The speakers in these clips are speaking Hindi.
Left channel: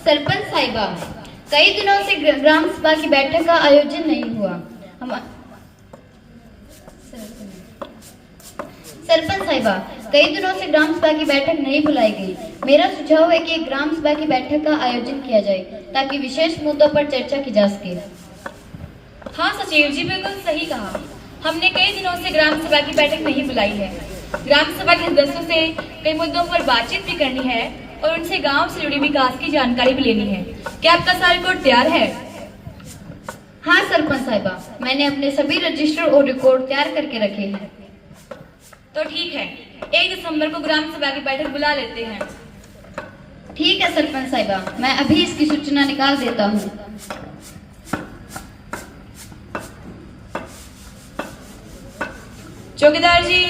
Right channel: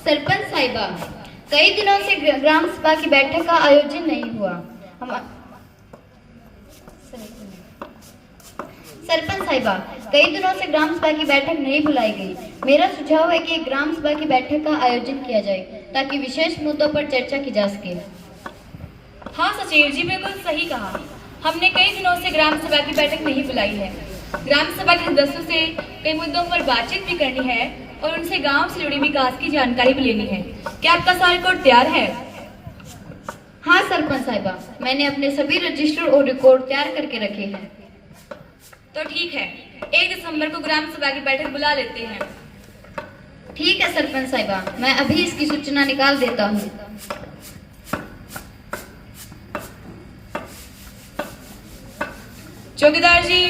सरपंच साहिबा, कई दिनों से ग्राम सभा की बैठक का आयोजन नहीं हुआ। सरपंच साहिबा, कई दिनों से ग्राम सभा की बैठक नहीं बुलाई गई। मेरा सुझाव है कि ग्राम सभा की बैठक का आयोजन किया जाए ताकि विशेष मुद्दों पर चर्चा की जा सके। हाँ सचिव जी, बिल्कुल सही कहा। हमने कई दिनों से ग्राम सभा की बैठक नहीं बुलाई है। ग्राम सभा के सदस्यों से कई मुद्दों पर बातचीत भी करनी है और उनसे गांव से जुड़ी विकास की जानकारी भी लेनी है। क्या आपका सारा रिकॉर्ड तैयार है? हाँ सरपंच साहिबा, मैंने अपने सभी रजिस्टर और रिकॉर्ड तैयार करके रखे हैं। तो ठीक है, 1 दिसंबर को ग्राम सभा की बैठक बुला लेते हैं। ठीक है सरपंच साहिबा, मैं अभी इसकी सूचना निकाल देता हूँ। चौकीदार जी।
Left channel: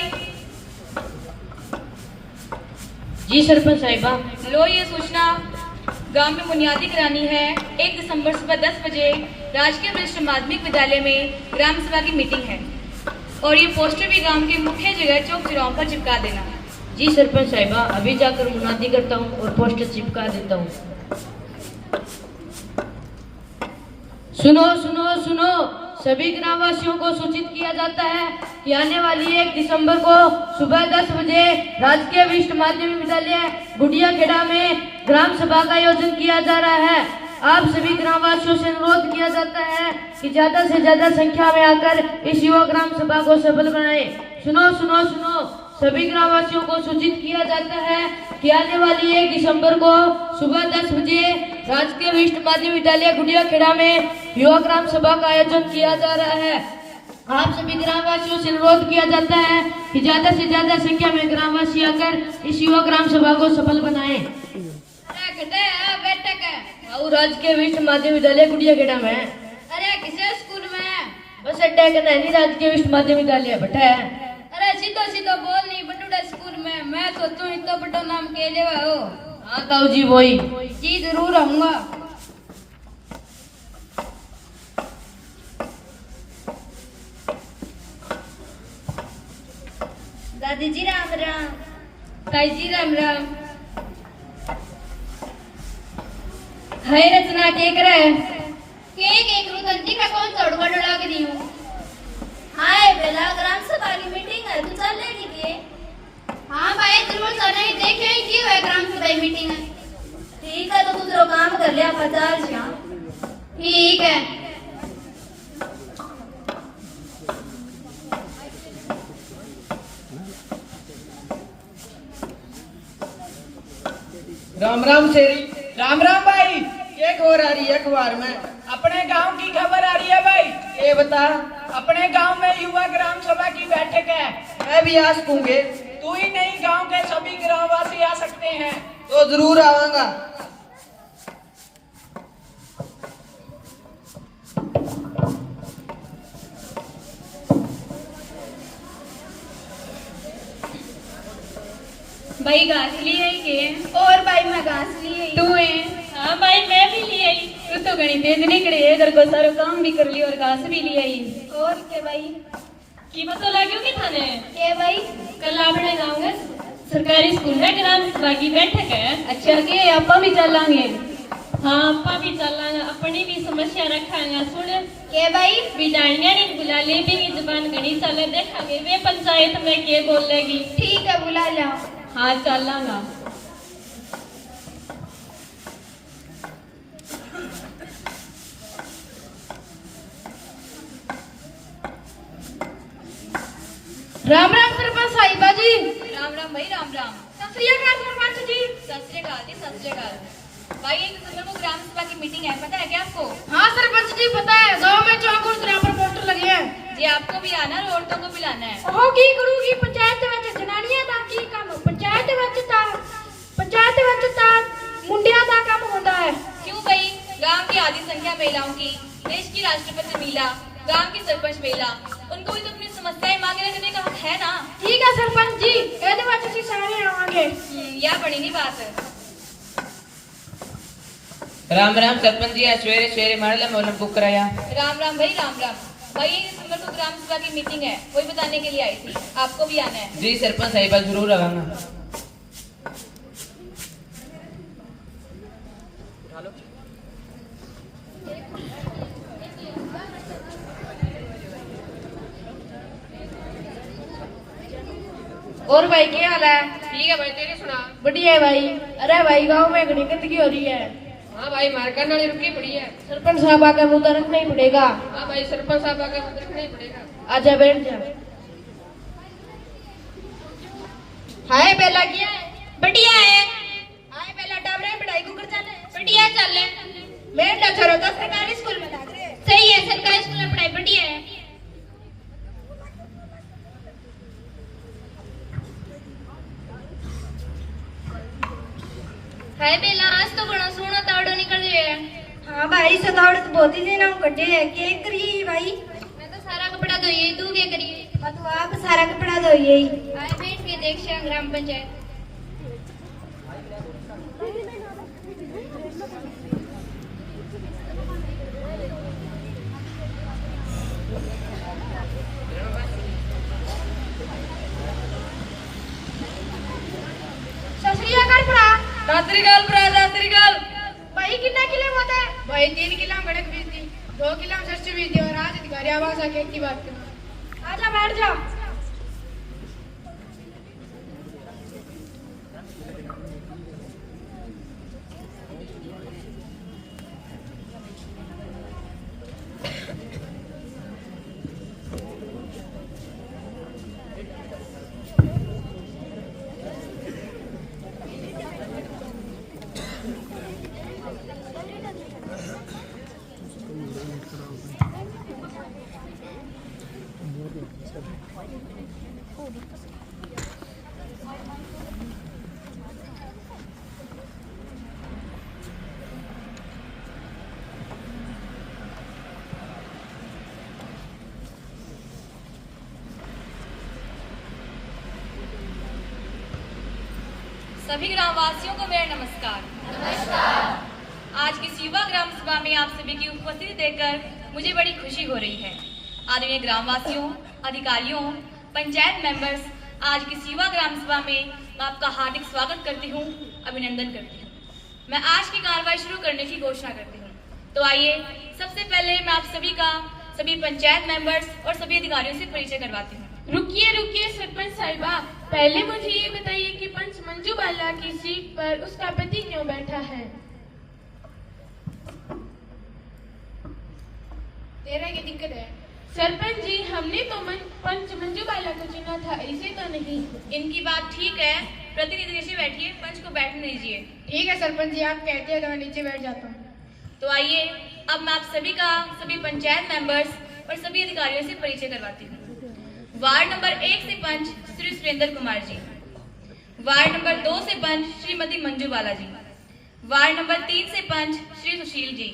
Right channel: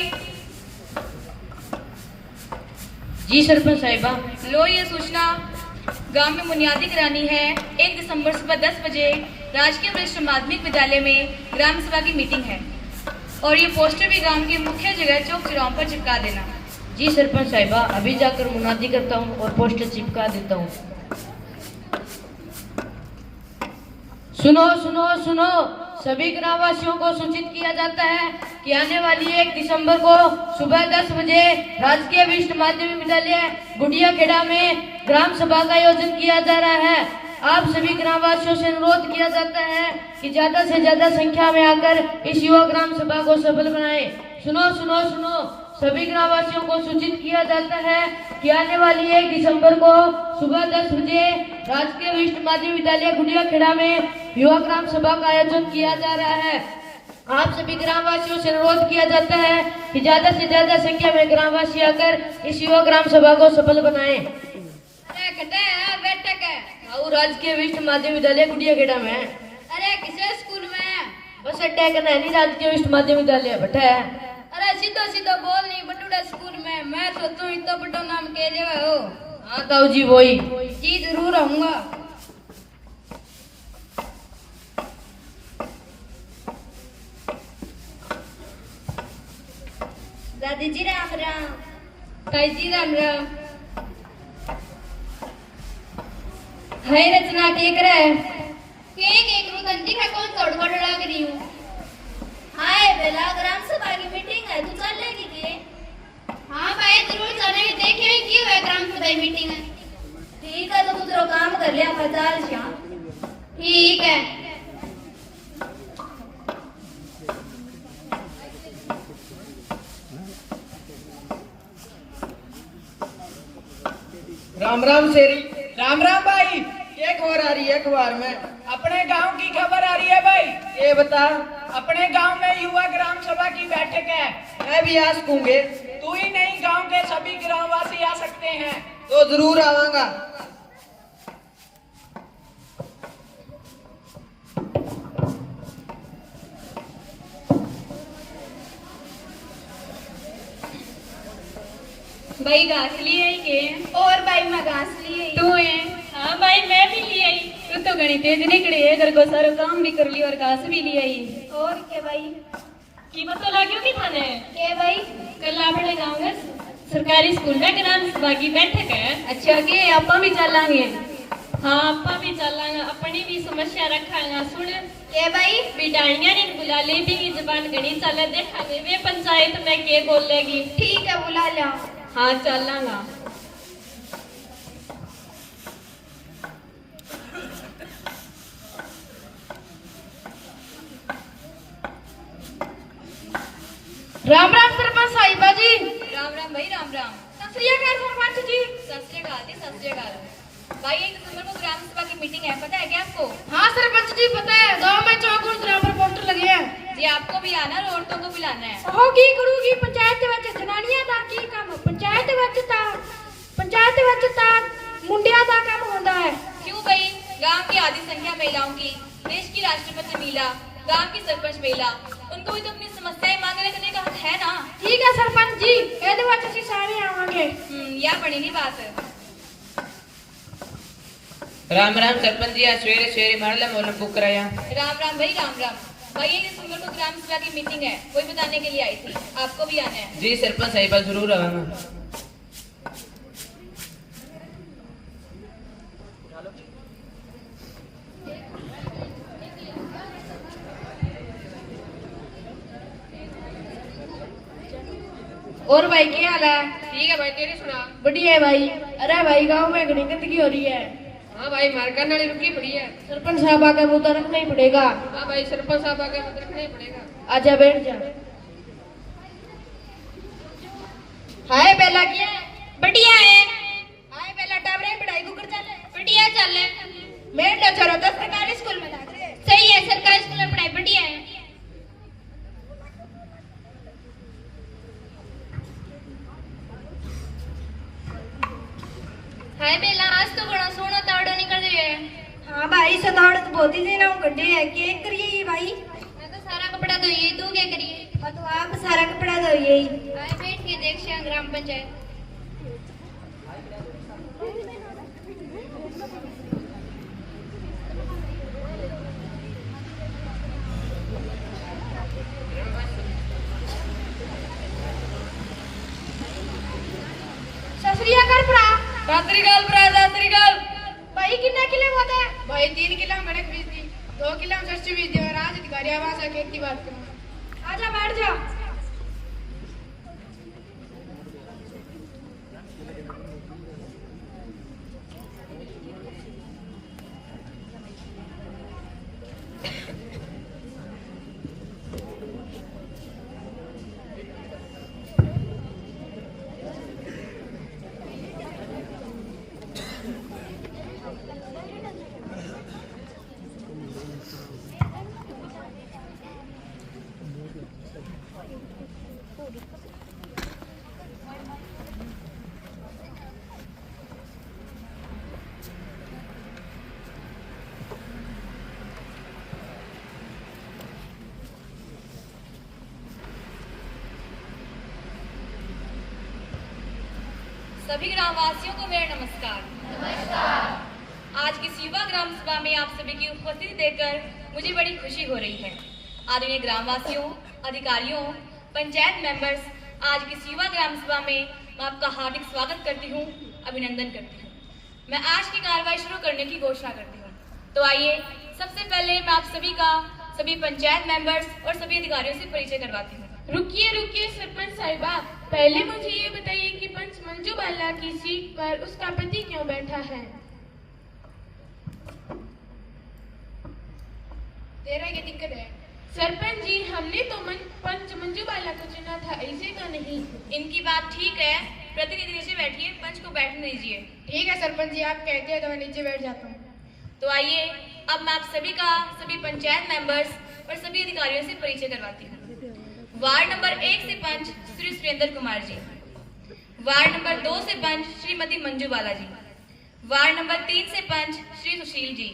जी सरपंच साहिबा। लो ये सूचना, गांव में बुनियादी करानी है। 1 दिसंबर सुबह 10 बजे राजकीय वरिष्ठ माध्यमिक विद्यालय में ग्राम सभा की मीटिंग है और ये पोस्टर भी गांव की मुख्य जगह चौक चौराहों पर चिपका देना। जी सरपंच साहिबा, अभी जाकर मुनादी करता हूँ और पोस्टर चिपका देता हूँ। सुनो सुनो सुनो, सभी ग्रामवासियों को सूचित किया जाता है कि आने वाली 1 दिसंबर को सुबह 10 बजे राजकीय वरिष्ठ माध्यमिक विद्यालय गुड़िया खेड़ा में ग्राम सभा का आयोजन किया जा रहा है। आप सभी ग्रामवासियों से अनुरोध किया जाता है कि ज्यादा से ज्यादा संख्या में आकर इस युवा ग्राम सभा को सफल बनाएं। सुनो सुनो सुनो, सभी ग्रामवासियों को सूचित किया जाता है कि आने वाली 1 दिसंबर को सुबह 10 बजे राजकीय वरिष्ठ माध्यमिक विद्यालय गुड़िया खेड़ा में युवा ग्राम सभा का आयोजन किया जा रहा है। आप सभी ग्रामवासियों से अनुरोध किया जाता है कि ज्यादा से ज्यादा संख्या में ग्रामवासी आकर इस युवा ग्राम सभा को सफल बनाएं। बैठक है और राजकीय वरिष्ठ माध्यमिक विद्यालय गुड़िया खेड़ा में। अरे किसे स्कूल में? बस अड्डा का नहीं, राजकीय वरिष्ठ माध्यमिक विद्यालय बैठा है। अरे सीधो सीधो बोल, नहीं बटूड़ा स्कूल में। मैं सोचूं इतना बड़ा नाम के लिए हो। हाँ ताऊ जी, वही जी जरूर आऊंगा। दादी जी राम राम। ताई जी राम राम। हाय रचना, के करे? केक गलती का कौन तोड़वा डोड़ा करी हूँ। हाय बेला, ग्राम सभा की मीटिंग है, तू चलेगी दिए? हाँ भाई जरूर चलेंगे, देखे क्यों है ग्राम सभा मीटिंग है। ठीक है, तो तू तेरा काम कर लिया, 50 यहाँ। ठीक है। राम राम शेरी। राम राम भाई, क्या खबर आ रही है अखबार में? अपने गांव की खबर आ रही है भाई। ये बता, अपने गांव में युवा ग्राम सभा की बैठक है। मैं भी आ सकूंगे? तू ही नहीं, गांव के सभी ग्रामवासी आ सकते हैं। तो जरूर आऊंगा। भाई घास लिए के? और भाई मैं घास लिए। तू है? हाँ भाई मैं भी ले आई। तू तो गणी तेज निकली है, घर को सारा काम भी कर लिया और घास भी ले आई। और के भाई की पता लगे कि थाने के भाई कल अपने गाँव में सरकारी स्कूल में ग्राम सभा की बैठक है। अच्छा के आपा भी चलेंगे? हाँ आपा भी चलेंगे, अपनी भी समस्या रखांगा। सुन के भाई बिटाणिया नहीं बुला ले भी जबान गणी चल देखांगे वे पंचायत में के बोलेगी। ठीक है, बुला लिया। हाँ चलांगा। राम राम सरपंच साहिबा जी। राम राम भाई, राम राम। सत श्री अकाल सरपंच जी। सत श्री अकाल जी, सत श्री अकाल। भाई 1 दिसंबर को ग्राम सभा की मीटिंग है, पता है क्या आपको? हाँ सरपंच जी पता है, गाँव में चौक और तरह पर पोस्टर लगे हैं। जी आपको भी आना और औरतों को भी लाना है। होगी करूगी पंचायत ਵਿੱਚ ਜਨਾਨੀਆਂ ਦਾ ਕੀ ਕੰਮ, पंचायत ਵਿੱਚ ਤਾਂ मुंडिया ਦਾ ਕੰਮ ਹੁੰਦਾ है। क्यों भाई? गांव की आधी संख्या महिलाओं की, देश की राष्ट्रपति महिला गांव की सरपंच बेला, उनको भी तो अपनी समस्याएं मांगने करने का हक है ना। ठीक है सरपंच जी, ये तो बात अच्छी सारे आवांगे। या बड़ी नहीं बात है। राम राम सरपंच जी, आज सवेरे सवेरे मारला मोलम बुक कराया। राम राम भाई, राम राम भाई। 1 दिसंबर को ग्राम सभा की मीटिंग है, वही बताने के लिए आई थी, आपको भी आना है। जी सरपंच साहिबा जरूर आवांगा। और भाई क्या हाल है? ठीक है भाई, तेरी सुना। बढ़िया है भाई। अरे भाई गांव में घनी गंदगी हो रही है। हाँ भाई, मारकर नाली रुकी पड़ी है। सरपंच साहब आकर मुद्दा रखना ही पड़ेगा। हाँ भाई, सरपंच साहब आके मत रखना ही पड़ेगा। आजा बैठ जा। हाय बेला क्या है? बढ़िया है। हाय बेला टाबरे पढ़ाई को कर चल। बढ़िया चल रहा है। मैं ना छोरो तो सरकारी स्कूल में लाग रहे। सही है, सरकारी स्कूल में पढ़ाई बढ़िया है। हाय बेला, आज तो बड़ा सोना तावड़ो निकल रही है। हाँ भाई सतावड़ तो बहुत ही दिन हम कड्डे है। क्या करिए भाई? मैं तो सारा कपड़ा धोइए, तू क्या करिए? हाँ तो आप सारा कपड़ा धोइए। आए बैठ के देख श्याम ग्राम पंचायत। ससरिया कर पड़ा। दातरीकाल भरा, दातरीकाल। भाई कितना किलो होता है? भाई 3 किलो गणक बीज दी, 2 किलो सस्ती बीज दी और आज अधिकारी आवास आके इतनी बात करो। आजा बैठ जा। सभी ग्रामवासियों को मेरा नमस्कार। आज की युवा ग्राम सभा में आप सभी की उपस्थिति देखकर मुझे बड़ी खुशी हो रही है। आदरणीय ग्रामवासियों, अधिकारियों, पंचायत मेंबर्स, आज की युवा ग्राम सभा में मैं आपका हार्दिक स्वागत करती हूँ, अभिनंदन करती हूँ। मैं आज की कार्रवाई शुरू करने की घोषणा करती हूँ। तो आइए सबसे पहले मैं आप सभी का, सभी पंचायत मेंबर्स और सभी अधिकारियों से परिचय करवाती हूँ। रुकिए रुकिए सरपंच साहिबा, पहले मुझे ये बताइए कि पंच मंजू बाला की सीट पर उसका पति क्यों बैठा है? तेरा क्या दिक्कत है? सरपंच जी, हमने तो पंच मंजू बाला को चुना था, ऐसे तो नहीं। इनकी बात ठीक है, प्रतिनिधि नीचे बैठिए, पंच को बैठने दीजिए। ठीक है सरपंच जी, आप कहते हैं तो मैं नीचे बैठ जाता हूँ। तो आइए अब मैं आप सभी का, सभी पंचायत मेंबर्स और सभी अधिकारियों से परिचय करवाती हूँ। वार्ड नंबर 1 से पंच श्री सुरेंद्र कुमार जी, वार्ड नंबर 2 से पंच श्रीमती मंजू बाला जी, वार्ड नंबर 3 से पंच श्री सुशील जी,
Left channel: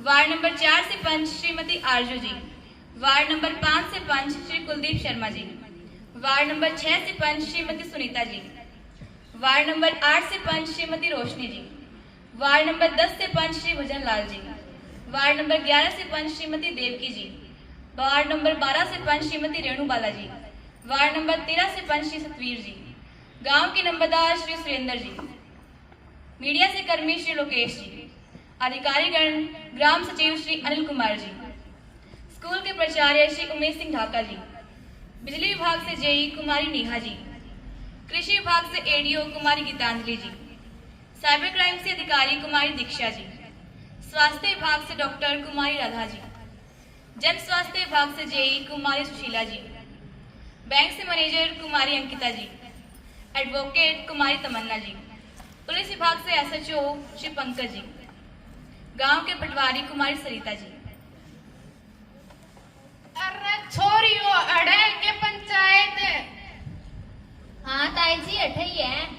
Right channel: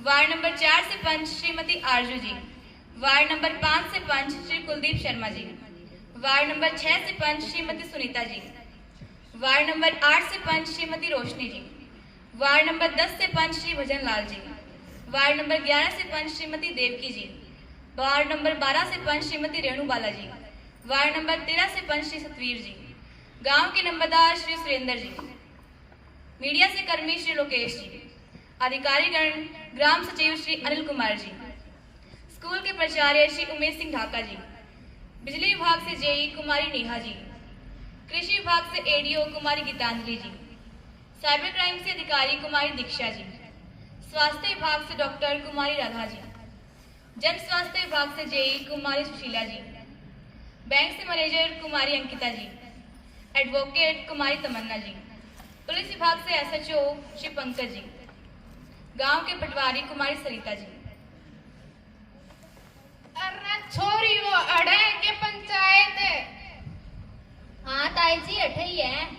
वार्ड नंबर 4 से पंच श्रीमती आरजू जी, वार्ड नंबर 5 से पंच श्री कुलदीप शर्मा जी, वार्ड नंबर 6 से पंच श्रीमती सुनीता जी, वार्ड नंबर 8 से पंच श्रीमती रोशनी जी, वार्ड नंबर 10 से पंच श्री भजन लाल जी, वार्ड नंबर 11 से पंच श्रीमती देवकी जी, वार्ड नंबर 12 से पंच श्रीमती रेणु बाला जी, वार्ड नंबर 13 से पंच श्री सतवीर जी, गांव के नंबरदार श्री सुरेंद्र जी, मीडिया से कर्मी श्री लोकेश जी, अधिकारीगण ग्राम सचिव श्री अनिल कुमार जी, स्कूल के प्राचार्य श्री उमेश सिंह ढाका जी, बिजली विभाग से जेई कुमारी नेहा जी, कृषि विभाग से एडीओ कुमारी गीतांजलि जी, साइबर क्राइम से अधिकारी कुमारी दीक्षा जी, स्वास्थ्य विभाग से डॉक्टर कुमारी राधा जी, जन स्वास्थ्य विभाग से जेई कुमारी सुशीला जी, बैंक से मैनेजर कुमारी अंकिता जी, एडवोकेट कुमारी तमन्ना जी, पुलिस विभाग से एसएचओ श्री पंकज जी, गांव के पटवारी कुमारी सरिता जी। अरे छोरियो, अड़े के पंचायत। हाँ ताई जी, अठे ही है।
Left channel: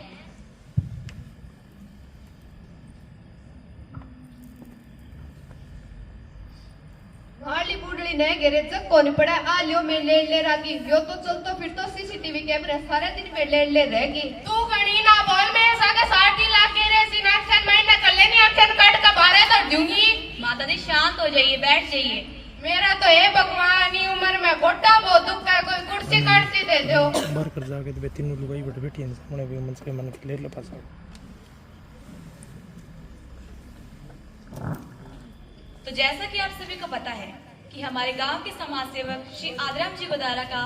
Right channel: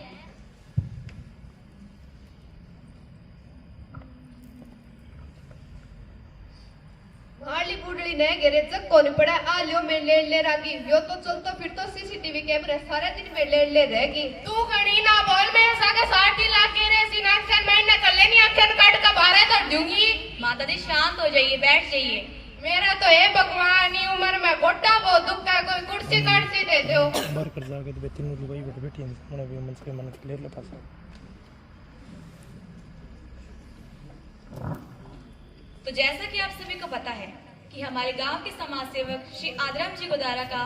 वाली बूढ़ी कोई नए घेरे जग कोनी पड़ा आ लियो मैं ले रागी यो तो चलतो फिर तो सीसीटीवी कैमरा सारा दिन में ले रहेगी। तू घणी ना बोल, मैं सागे 60 लाख के रे सिनेक्शन महीना कर लेनी एक्शन कार्ड का बारे तो दूंगी। माता जी शांत हो जाइए, बैठ जाइए। मेरा तो ये भगवान ही उम्र में गोटा बहुत दुख है, कोई कुर्सी काटसी दे दो। बाहर कर जाके तो तीनों लुगाई बैठी हैं सामने भी मन से मन ले लो पास। तो जैसा कि आप सभी को पता है कि हमारे गांव के समाज सेवक श्री आदराम जी गोदारा का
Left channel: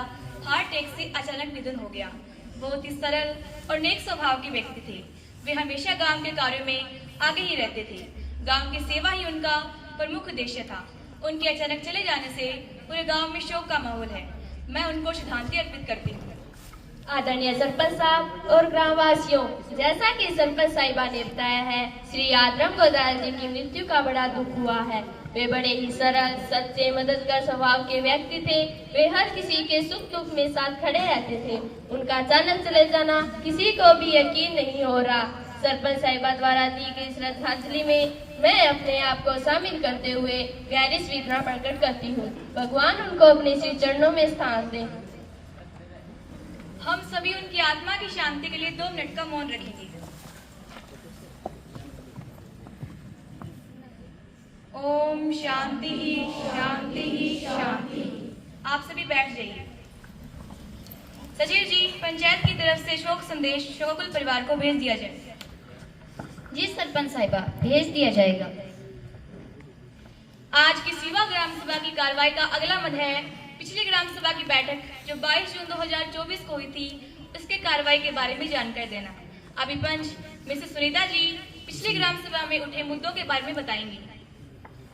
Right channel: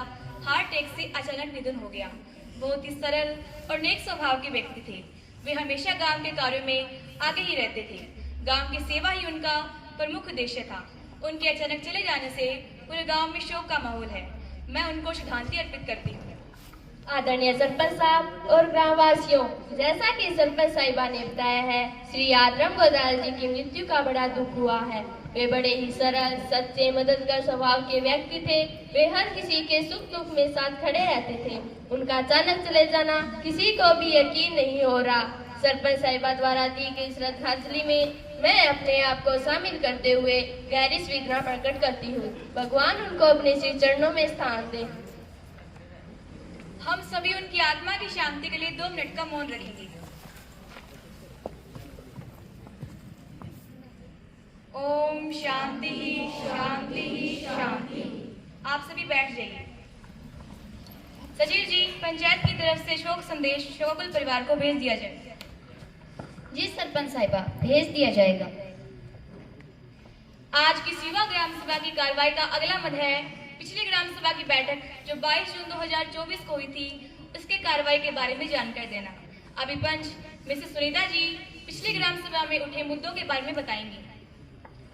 हार्ट अटैक से अचानक निधन हो गया। बहुत ही सरल और नेक स्वभाव के व्यक्ति थे। वे हमेशा गांव के कार्यों में आगे ही रहते थे। गांव की सेवा ही उनका प्रमुख उद्देश्य था। उनके अचानक चले जाने से पूरे गांव में शोक का माहौल है। मैं उनको श्रद्धांजलि अर्पित करती हूँ। आदरणीय सरपंच साहब और ग्रामवासियों, जैसा कि सरपंच साहिबा ने बताया है, श्री आदराम गोदारा जी की मृत्यु का बड़ा दुख हुआ है। वे बड़े ही सरल, सच्चे, मददगार स्वभाव के व्यक्ति थे। वे हर किसी के सुख दुख में साथ खड़े रहते थे। उनका अचानक चले जाना किसी को भी यकीन नहीं हो रहा। सरपंच साहिबा द्वारा दी गई श्रद्धांजलि में मैं अपने आप को शामिल करते हुए गहरी संवेदना प्रकट करती हूँ। भगवान उनको अपने श्री चरणों में स्थान दें। हम सभी उनकी आत्मा की शांति के लिए 2 मिनट का मौन रखेंगे। ओम शांति ही शांति ही शांति। आप सभी बैठ जाइए। सचिव जी, पंचायत की तरफ से शोक संदेश शोकुल परिवार को भेज दिया जाए। जी सरपंच साहिबा, भेज दिया जाएगा। आज की सीवा ग्राम सभा की कार्रवाई का अगला मद है पिछली ग्राम सभा की बैठक जो 22 जून 2024 को हुई थी, उसके कार्रवाई के बारे में जानकारी देना। अभी पंच मिसेस सुनीता जी पिछली ग्राम सभा में उठे मुद्दों के बारे में बताएंगी।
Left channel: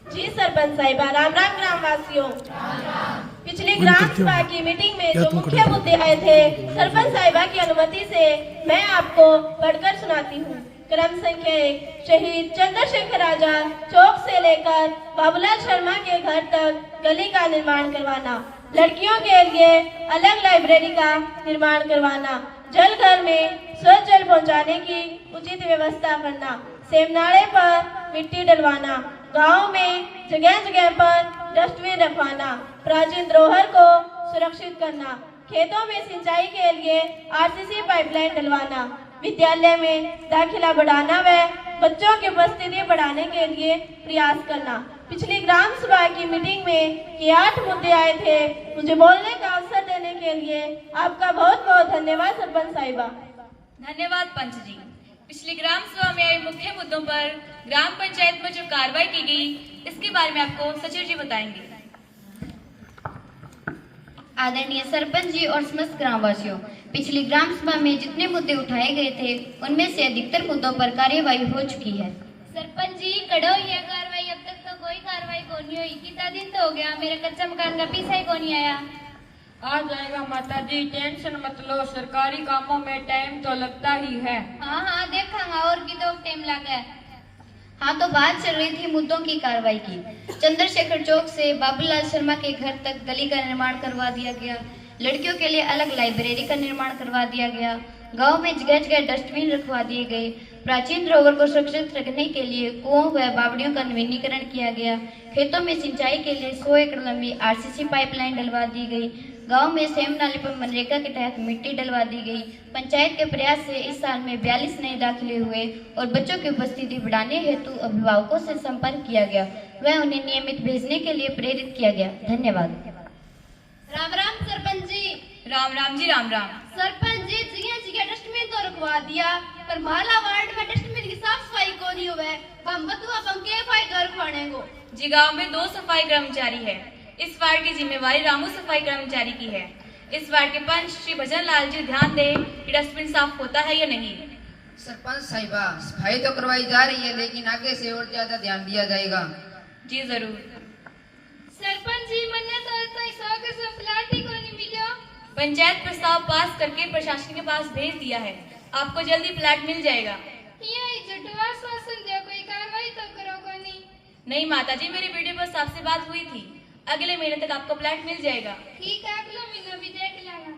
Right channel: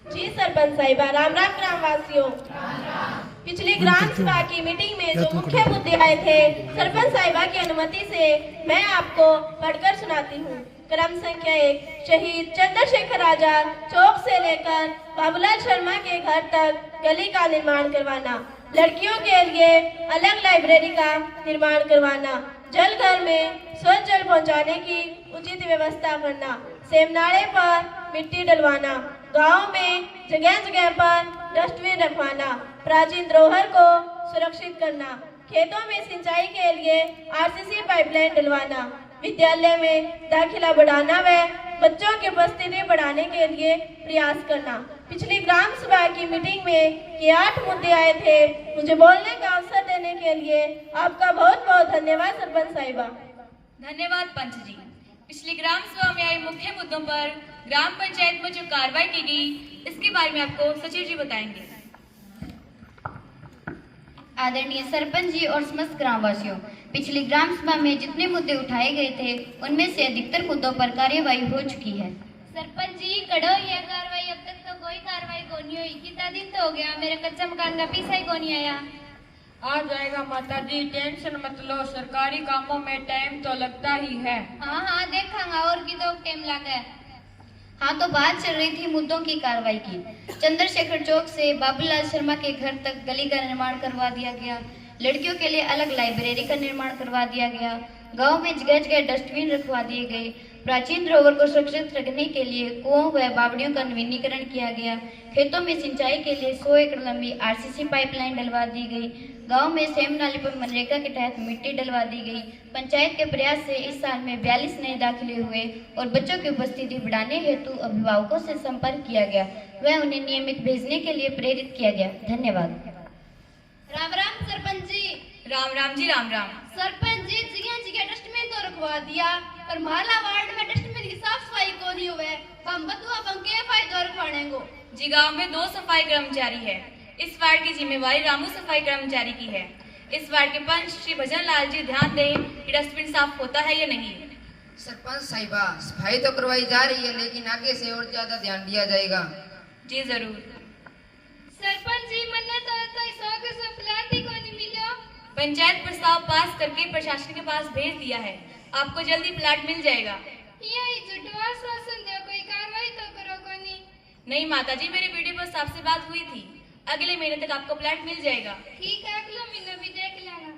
जी सरपंच साहिबा, राम राम ग्रामवासियों। पिछली ग्राम सभा की मीटिंग में जो मुख्य मुद्दे आए थे, सरपंच साहिबा की अनुमति से मैं आपको पढ़कर सुनाती हूँ। क्रम संख्या 1, शहीद चंद्रशेखर आजाद चौक से लेकर बाबूलाल शर्मा के घर तक गली का निर्माण करवाना। लड़कियों के लिए अलग लाइब्रेरी का निर्माण करवाना। जल घर में स्वच्छ जल पहुंचाने की उचित व्यवस्था करना। सेमनाड़े पर मिट्टी डलवाना। गांव में जगह जगह पर डस्टबिन रखवाना। प्राचीन धरोहर को सुरक्षित करना। खेतों में सिंचाई के लिए आरसीसी पाइपलाइन डलवाना। विद्यालय में दाखिला बढ़ाना व बच्चों की उपस्थिति बढ़ाने के लिए प्रयास करना। पिछली ग्राम सभा की मीटिंग में ये 8 मुद्दे आए थे। मुझे बोलने का अवसर देने के लिए आपका बहुत बहुत धन्यवाद सरपंच साहिबा। धन्यवाद पंच जी। पिछली ग्राम सभा में आए मुख्य मुद्दों पर ग्राम पंचायत में जो कार्रवाई की गई, इसके बारे में आपको सचिव जी बताएंगे। आदरणीय सरपंच जी और समस्त ग्रामवासियों, पिछली ग्राम सभा में जितने मुद्दे उठाए गए थे, उनमें से अधिकतर मुद्दों पर कार्यवाही हो चुकी है। सरपंच जी, कड़ो ये कार्रवाई, अब तक तो कोई कार्रवाई को नहीं हुई। कितना दिन तो हो गया, मेरे कच्चा मकान का पैसा ही को नहीं आया। आ जाएगा माता जी, टेंशन मत लो। सरकारी कामों में टाइम तो लगता ही है। हाँ देखांगा और की तो टाइम लगा। हाँ, तो बात चल रही थी मुद्दों की कार्रवाई की। चंद्रशेखर चौक से बाबूलाल शर्मा के घर तक गली का निर्माण करवा दिया गया। लड़कियों के लिए अलग लाइब्रेरी का निर्माण करवा दिया गया। गांव में जगह जगह डस्टबिन रखवा दिए गए। प्राचीन धरोहर को सुरक्षित रखने के लिए कुओं व बावड़ियों का नवीनीकरण किया गया। खेतों में सिंचाई के लिए 100 एकड़ लंबी आरसीसी पाइपलाइन डलवा दी गई। गांव में सेम नाले पर मनरेगा के तहत मिट्टी डलवा दी गई। पंचायत के प्रयास से इस साल में 42 नए दाखिले हुए और बच्चों की उपस्थिति बढ़ाने हेतु अभिभावकों से संपर्क किया गया व उन्हें नियमित भेजने के लिए प्रेरित किया गया। धन्यवाद। राम राम सरपंच जी। राम राम जी, राम राम। सरपंच जी, जगह जगह डस्टबिन तो रखवा दिया, पर माला वार्ड में डस्टबिन की साफ सफाई को नहीं हुआ। हम बतुआ बंके फायदा रखवाने को। जी, गांव में 2 सफाई कर्मचारी है। इस वार्ड की जिम्मेवारी रामू सफाई कर्मचारी की है। इस वार्ड के पंच श्री भजन लाल जी ध्यान दें कि डस्टबिन साफ होता है या नहीं। सरपंच साहिबा, सफाई तो करवाई जा रही है, लेकिन आगे से और ज्यादा ध्यान दिया जाएगा। जी जरूर। सरपंच जी, मैंने तो प्लाट ही को नहीं मिला। पंचायत प्रस्ताव पास करके प्रशासन के पास भेज दिया है। आपको जल्दी प्लाट मिल जाएगा। यही झूठवा शासन दे, कोई कार्रवाई तो करो को नहीं। नहीं माता जी, मेरी वीडियो पर आपसे बात हुई थी। अगले महीने तक आपको प्लाट मिल जाएगा। ठीक है, अगला महीना भी देख लेना।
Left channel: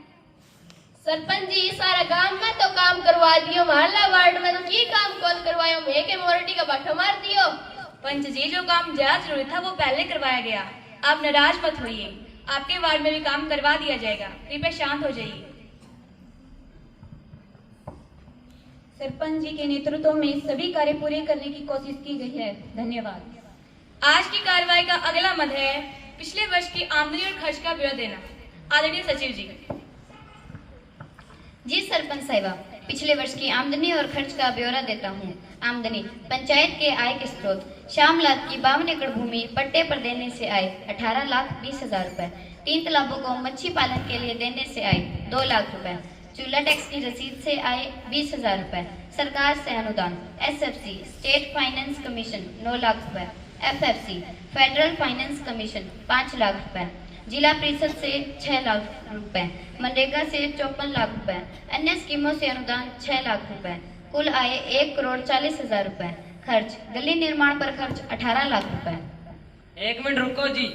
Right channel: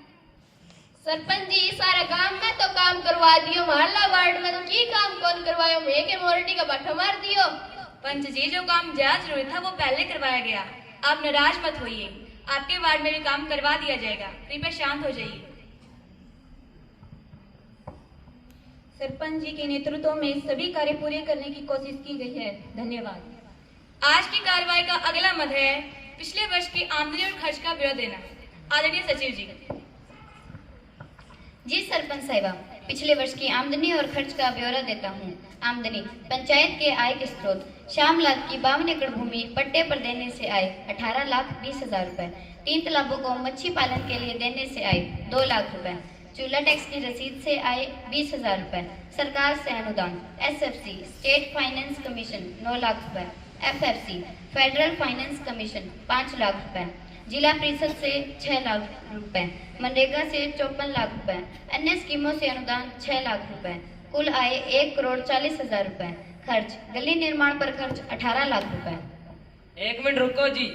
सरपंच जी, सारा गांव में तो काम करवा दियो, मोहल्ला वार्ड में की काम कौन करवायो? मैं के मोरटी का बट्ठा मार दियो। पंच जी, जो काम ज्यादा जरूरी था वो पहले करवाया गया। आप नाराज मत होइए, आपके वार्ड में भी काम करवा दिया जाएगा। कृपया शांत हो जाइए। सरपंच जी के नेतृत्व में सभी कार्य पूरे करने की कोशिश की गई है। धन्यवाद। आज की कार्रवाई का अगला मद है पिछले वर्ष की आमदनी और खर्च का ब्यौरा देना। आदरणीय सचिव जी। जी सरपंच साहिबा, पिछले वर्ष की आमदनी और खर्च का ब्यौरा देता हूँ। आमदनी पंचायत के आय के स्रोत: श्याम लाल की 52 एकड़ भूमि पट्टे पर देने से आए 18,20,000 रुपए। 3 तालाबों को मच्छी पालन के लिए देने से आए 2 लाख रुपए। चूल्हा टैक्स की रसीद से आए 20,000 रुपए। सरकार से अनुदान: SFC state finance commission 9 lakh रुपए, FFC federal finance commission 5 lakh रुपए, जिला परिषद से 6 लाख रुपए, मनरेगा से 54 लाख रुपए, अन्य स्कीमों से अनुदान 6 लाख रुपए। कुल आय 1,40,00,000 रुपए। खर्च: गली निर्माण पर खर्च 18 लाख रुपए। 1 मिनट रुको जी।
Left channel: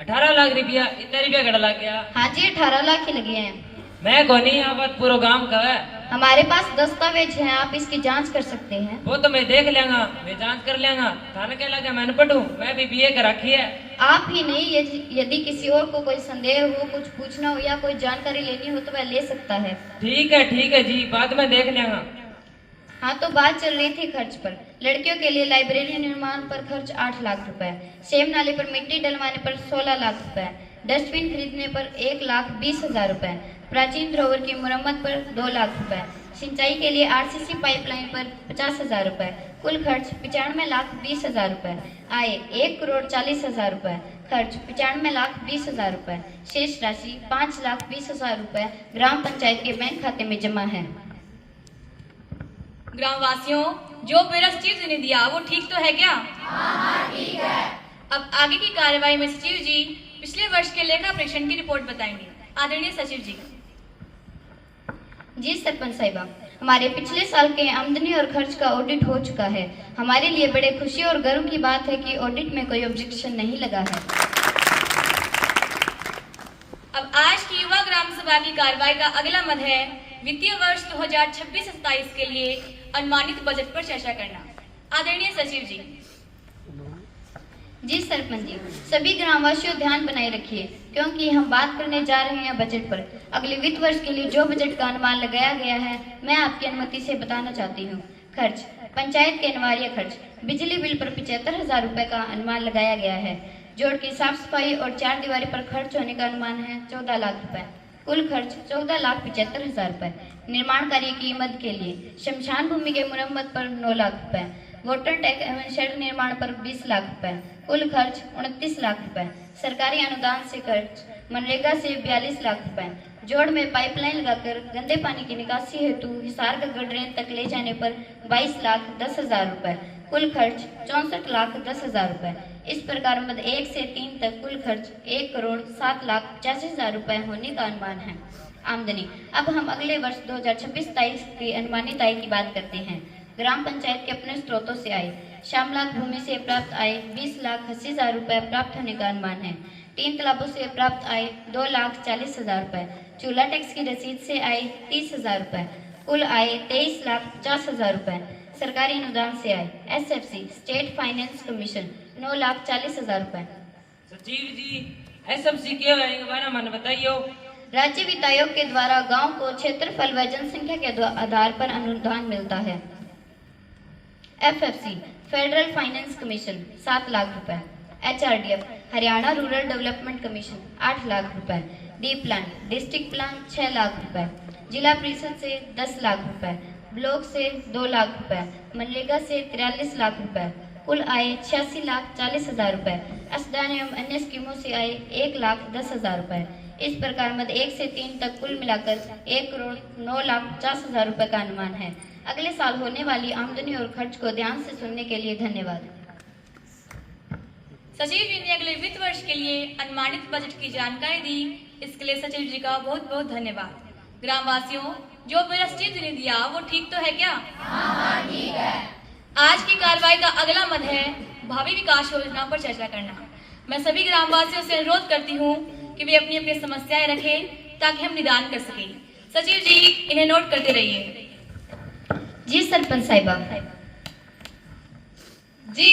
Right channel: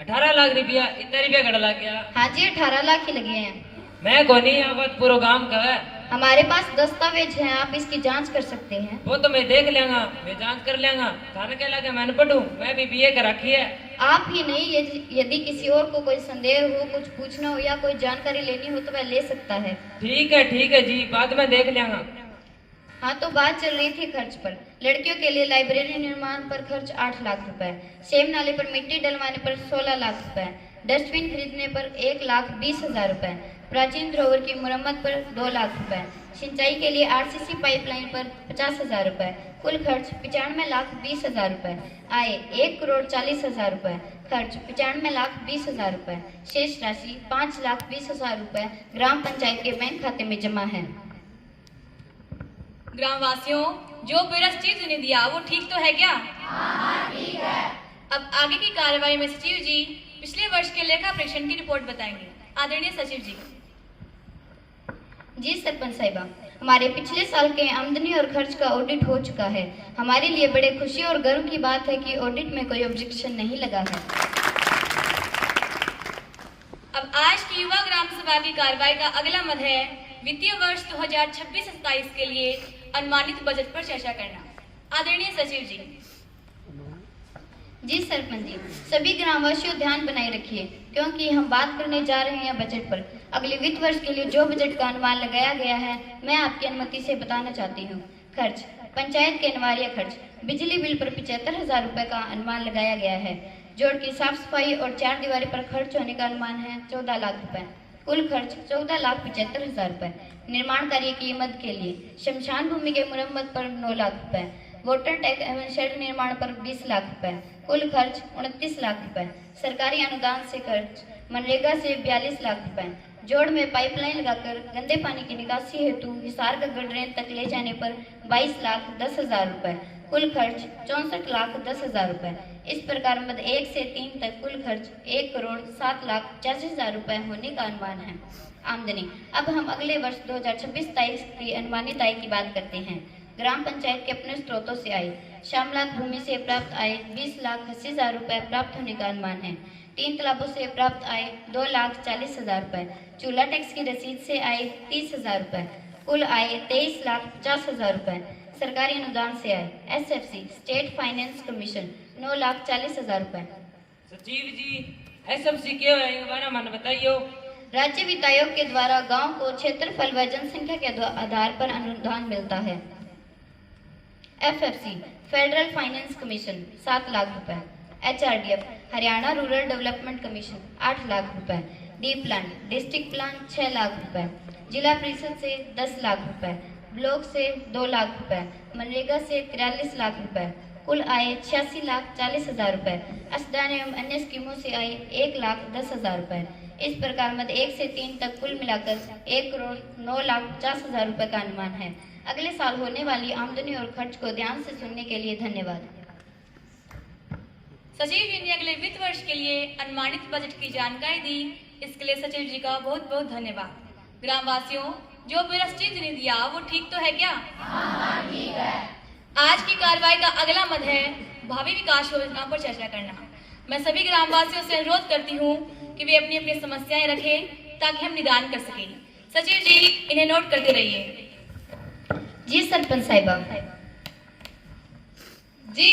18 लाख रुपया, इतना रुपया घड़ा लग गया? हाँ जी, 18 लाख ही लगे हैं। मैं को नहीं, यहाँ पर पूरा गांव का है। हमारे पास दस्तावेज हैं, आप इसकी जांच कर सकते हैं। वो तो मैं देख लेंगा, मैं जांच कर लेंगा। थाने के लगे मैंने पढ़ू, मैं भी BA कर रखी है। आप ही नहीं, यदि किसी और को कोई संदेह हो, कुछ पूछना हो या कोई जानकारी लेनी हो तो वह ले सकता है। ठीक है जी, बाद में देख लेंगा। हाँ, तो बात चल रही थी खर्च पर। लड़कियों के लिए लाइब्रेरी निर्माण पर खर्च 8 लाख रुपए, सेम नाले पर मिट्टी डलवाने पर 16 लाख रुपए, डस्टबिन खरीदने पर 1,20,000 रुपए, प्राचीन धरोहर की मरम्मत पर 2 लाख रुपए, सिंचाई के लिए RCC पाइपलाइन पर 50,000 रुपए। कुल खर्च 95,20,000 रुपए। आय 1,40,00,000 रुपए। खर्च 95,20,000 रुपए। शेष राशि 5,20,000 रुपए ग्राम पंचायत के बैंक खाते में जमा है। ग्रामवासियों, जो ब्यौरा सचिव जी ने दिया वो ठीक तो है क्या? हाँ, ठीक है। अब आगे की कार्रवाई में सचिव जी पिछले वर्ष के लेखा परीक्षण की रिपोर्ट बताएंगे। आदरणीय सचिव जी। जी सरपंच साहिबा, हमारे पिछले साल के आमदनी और खर्च का ऑडिट हो चुका है। हमारे लिए बड़े खुशी और गर्व की बात है कि ऑडिट में कोई ऑब्जेक्शन नहीं लगा है। अब आज की युवा ग्राम सभा की कार्रवाई का अगला मद है वित्तीय वर्ष 2026-27 के लिए अनुमानित बजट पर चर्चा करना। आदरणीय सचिव जी। जी सरपंच जी, सभी ग्रामवासियों ध्यान बनाए रखिए, क्योंकि हम बात करने जा रहे हैं बजट पर। अगले वित्त वर्ष के लिए जो बजट का अनुमान लगाया गया है, मैं आपकी अनुमति से बताना चाहती हूँ। खर्च: पंचायत के अनिवार्य खर्च: बिजली बिल पर 75,000 रुपए का अनुमान लगाया गया है। जोड़ की साफ सफाई और 4 दीवारी पर खर्च होने का अनुमान है 14 लाख रुपए। कुल खर्च 14,75,000 रुपए। निर्माण कार्य की मद के लिए: शमशान भूमि के मुरम्मत पर 9 लाख रुपए, वोटर टैग एवं शेड निर्माण पर 20 लाख रुपए। कुल खर्च 29 लाख रुपए। सरकारी अनुदान से खर्च: मनरेगा से 42 लाख रुपए। जोड़ में पाइपलाइन लगाकर गंदे पानी की निकासी हेतु हिसार गढ़ ड्रेन तक ले जाने पर 22,10,000 रुपए। कुल खर्च 64,10,000 रुपए। इस प्रकार मद 1 से 3 तक कुल खर्च 1,07,85,000 रुपए होने का अनुमान है। आमदनी: अब हम अगले वर्ष 2026-27 की अनुमानित आय की बात करते हैं। ग्राम पंचायत के अपने स्रोतों से आय: श्यामलाल भूमि से प्राप्त आय 20,80,000 रुपए प्राप्त होने का अनुमान है। 3 तालाबों से प्राप्त आय 2,40,000 रुपए। चूल्हा टैक्स की रसीद से आय 30,000 रुपए। कुल आय 23,50,000 रुपए। सरकारी अनुदान से आय: SFC स्टेट फाइनेंस कमीशन 9,40,000 रुपए। सचिव जी, SFC क्या है, हमारा मन बताइयो। राज्य वित्त आयोग के द्वारा गांव को क्षेत्रफल व जनसंख्या के आधार पर अनुदान मिलता है। FFC federal finance commission 7 lakh रुपए। HRDF Haryana rural development commission 8 lakh रुपए। D plan district plan 6 lakh रुपए। जिला परिषद से 10 लाख रुपए। ब्लॉक से 2 लाख रुपए। मनरेगा से 43 लाख रुपए। कुल आय 86,40,000 रुपए। असदान एवं अन्य स्कीमों से आय 1,10,000 रुपए। इस प्रकार मद 1 से 3 तक कुल मिलाकर 1,09,50,000 रुपए का अनुमान है। अगले साल होने वाली आमदनी और खर्च को ध्यान से सुनने के लिए धन्यवाद। सचिव जी ने अगले वित्त वर्ष के लिए अनुमानित बजट की जानकारी दी, इसके लिए सचिव जी का बहुत बहुत धन्यवाद। ग्रामवासियों, जो ब्यौरा सचिव जी ने दिया वो ठीक तो है क्या? हाँ, ठीक है। आज की कार्रवाई का अगला मद है भावी विकास योजना पर चर्चा करना। मैं सभी ग्रामवासियों से अनुरोध करती हूँ कि वे अपनी अपनी समस्याएं रखें ताकि हम निदान कर सकें। सचिव जी, इन्हें नोट करते रहिए। जी सरपंच साहिबा। जी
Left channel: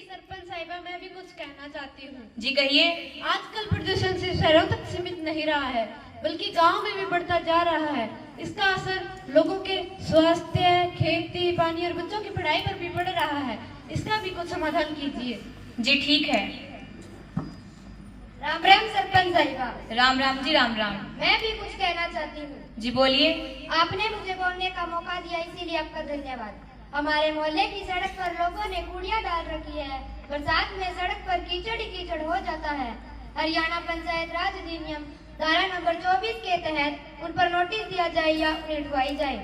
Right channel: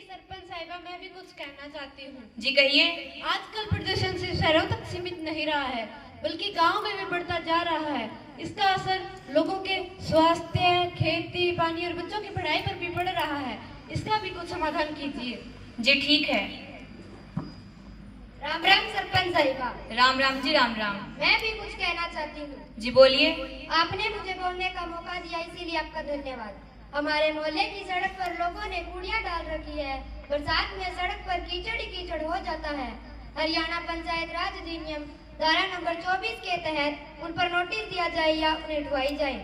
सरपंच साहिबा, मैं भी कुछ कहना चाहती हूँ। जी कहिए। आजकल प्रदूषण सिर्फ शहरों तक सीमित नहीं रहा है, बल्कि गांव में भी बढ़ता जा रहा है। इसका असर लोगों के स्वास्थ्य, खेती, पानी और बच्चों की पढ़ाई पर भी पड़ रहा है। इसका भी कुछ समाधान कीजिए। जी ठीक है। राम राम सरपंच साहिबा। राम राम जी, राम राम। मैं भी कुछ कहना चाहती हूँ। जी बोलिए। आपने मुझे बोलने का मौका दिया, इसीलिए आपका धन्यवाद। हमारे मोहल्ले की सड़क पर लोगों ने कूड़ियाँ डाल रखी है। बरसात में सड़क पर कीचड़ ही कीचड़ हो जाता है। हरियाणा पंचायत राज अधिनियम धारा नंबर 24 के तहत उन पर नोटिस दिया जाए या उन्हें ढुआई जाए।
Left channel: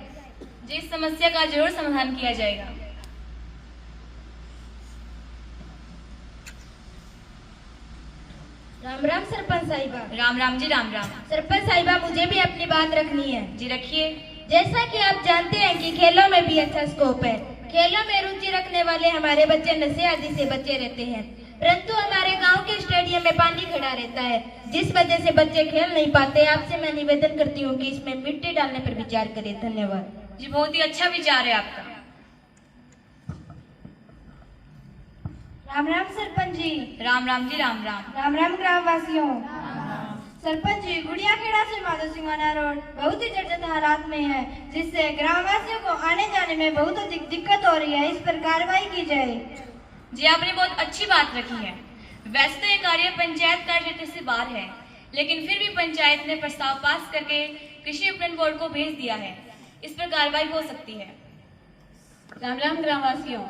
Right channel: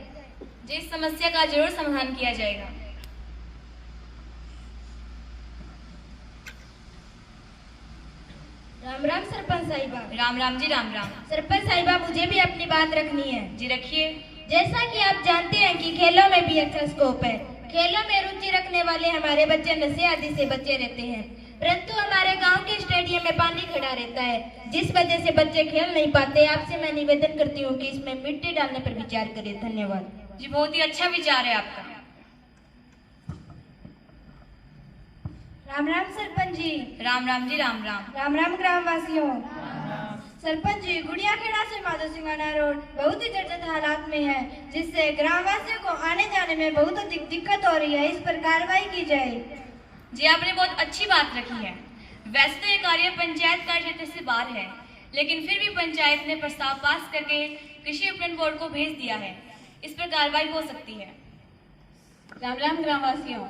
जी इस समस्या का जरूर समाधान किया जाएगा। राम राम सरपंच साहिबा। राम राम जी, राम राम। सरपंच साहिबा, मुझे भी अपनी बात रखनी है। जी रखिए। जैसा कि आप जानते हैं कि खेलों में भी अच्छा स्कोप है। खेलों में रुचि रखने वाले हमारे बच्चे नशे आदि से बचे रहते हैं, परंतु हमारे गांव के स्टेडियम में पानी खड़ा रहता है, जिस वजह से बच्चे खेल नहीं पाते। आपसे मैं निवेदन करती हूँ कि इसमें मिट्टी डालने पर विचार करें। धन्यवाद। जी बहुत ही अच्छा विचार है आपका। राम राम सरपंच जी। राम राम जी, राम राम। राम राम ग्राम वासियों। सरपंच जी, गुड़िया खेड़ा से माधव सिंगाना रोड बहुत ही जर्जर हालात में है, जिससे ग्रामवासियों को आने जाने में बहुत अधिक दिक्कत हो रही है। इस पर कार्रवाई की जाए। जी आपने बहुत अच्छी बात रखी है। वैसे तो ये कार्य पंचायत कार्य क्षेत्र से बाहर है, लेकिन फिर भी पंचायत ने प्रस्ताव पास करके कृषि विपणन बोर्ड को भेज दिया है। इस पर कार्रवाई हो सकती है। राम राम ग्रामवासियों।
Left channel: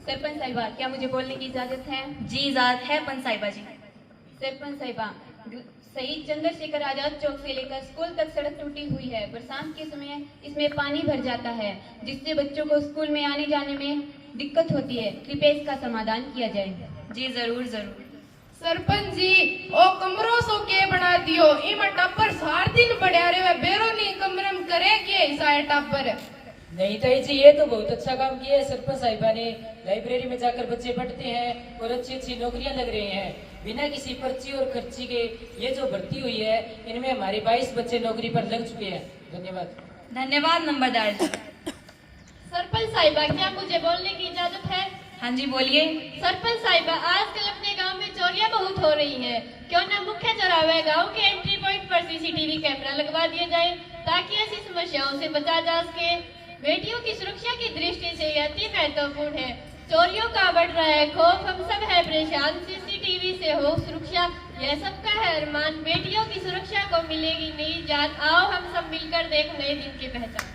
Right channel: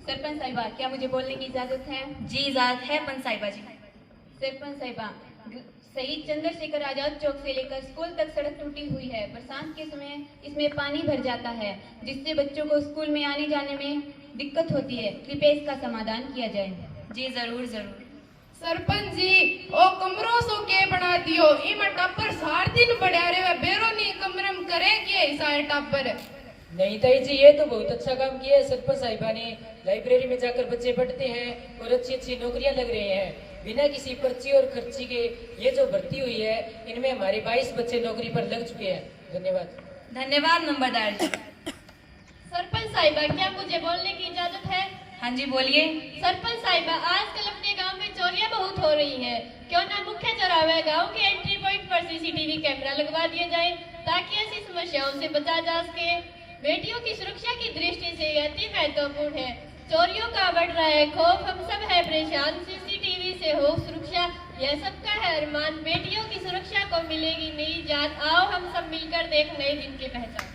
सरपंच साहिबा, क्या मुझे बोलने की इजाजत है? जी इजाजत है पंच साहिबा जी। सरपंच साहिबा, शहीद चंद्रशेखर आजाद चौक से लेकर स्कूल तक सड़क टूटी हुई है। बरसात के समय इसमें पानी भर जाता है, जिससे बच्चों को स्कूल में आने जाने में दिक्कत होती है। कृपया इसका समाधान किया जाए। जी जरूर जरूर। सरपंच जी, ओ कमरों सो के बना दियो, इम टापर सार दिन बढ़िया रे बेरो नी कमरम करे के सारे टापर। नहीं ताई जी, ये तो बहुत अच्छा काम किया है सरपंच साहिबा ने। लाइब्रेरी में जाकर बच्चे पढ़ते हैं और अच्छी अच्छी नौकरियां लग रही हैं बिना किसी पर्ची और खर्ची के। ये जो भर्ती हुई है, इनमें हमारे 22 बच्चे नौकरी पर लग चुके हैं। धन्यवाद। धन्यवाद नंबरदार जी। सरपंच साहिबा, क्या मुझे बोलने की इजाजत है? हाँ जी बोलिए। सरपंच साहिबा, आजकल अपने गांव में चोरियां बहुत हो रही हैं। क्यों न मुख्य चौराहे गांव के एंट्री पॉइंट पर सीसीटीवी कैमरा लगवा दिए जाए, ताकि ऐसी समस्याओं से बचा जा सके। बेटियों की सुरक्षा की दृष्टि से यह अति महत्वपूर्ण है। चोरियों का बढ़ रहा है खौफ, हम सब है परेशान। सीसीटीवी से हो सुरक्षा, यह सबका है अरमान। बेटियों की सुरक्षा को मिलेगी नई जात। आओ हम सब मिलकर देख नए दिन की पहचान।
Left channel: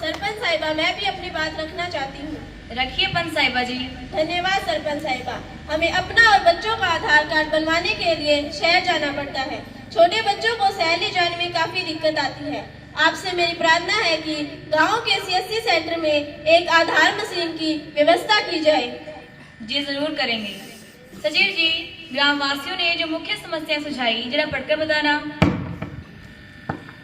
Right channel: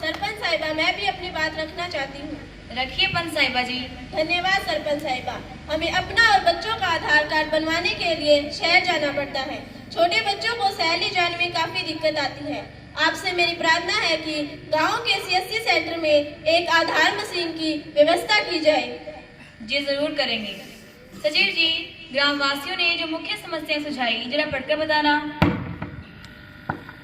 सरपंच साहिबा, मैं भी अपनी बात रखना चाहती हूँ। रखिए पंच साहिबा जी। धन्यवाद सरपंच साहिबा। हमें अपना और बच्चों का आधार कार्ड बनवाने के लिए शहर जाना पड़ता है। छोटे बच्चों को शहर ले जाने में काफी दिक्कत आती है। आपसे मेरी प्रार्थना है कि गांव के CSC सेंटर में एक आधार मशीन की व्यवस्था की जाए। जी जरूर करेंगे। सचिव जी, ग्रामवासियों ने जो मुख्य समस्याएं सुझाई, जरा पढ़कर बताना।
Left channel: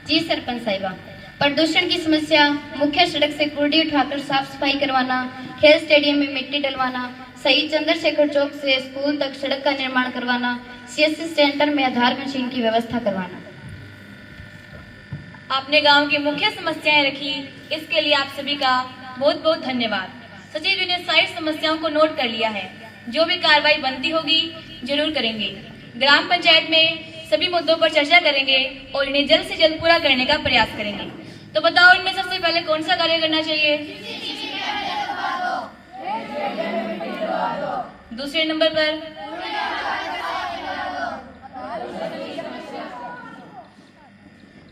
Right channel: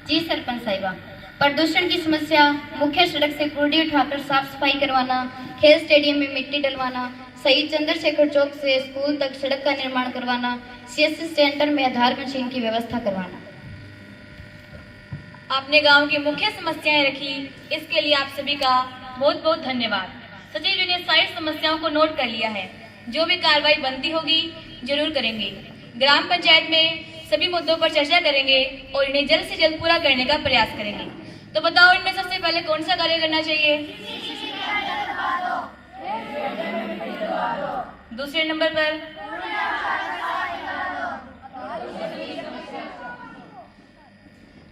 जी सरपंच साहिबा, प्रदूषण की समस्या, मुख्य सड़क से कूड़े उठाकर साफ सफाई करवाना, खेल स्टेडियम में मिट्टी डलवाना, शहीद चंद्रशेखर चौक से स्कूल तक सड़क का निर्माण करवाना, CSC सेंटर में आधार मशीन की व्यवस्था करवाना। आपने गांव की मुख्य समस्याएं रखी, इसके लिए आप सभी का बहुत बहुत धन्यवाद। सचिव जी ने सारी समस्याओं को नोट कर लिया है। जो भी कार्रवाई बनती होगी जरूर करेंगे। ग्राम पंचायत में सभी मुद्दों पर चर्चा करेंगे और इन्हें जल्द से जल्द पूरा करने का प्रयास करेंगे। तो बताओ, इनमें सबसे पहले कौन सा कार्य करना चाहिए? दूसरे नंबर पर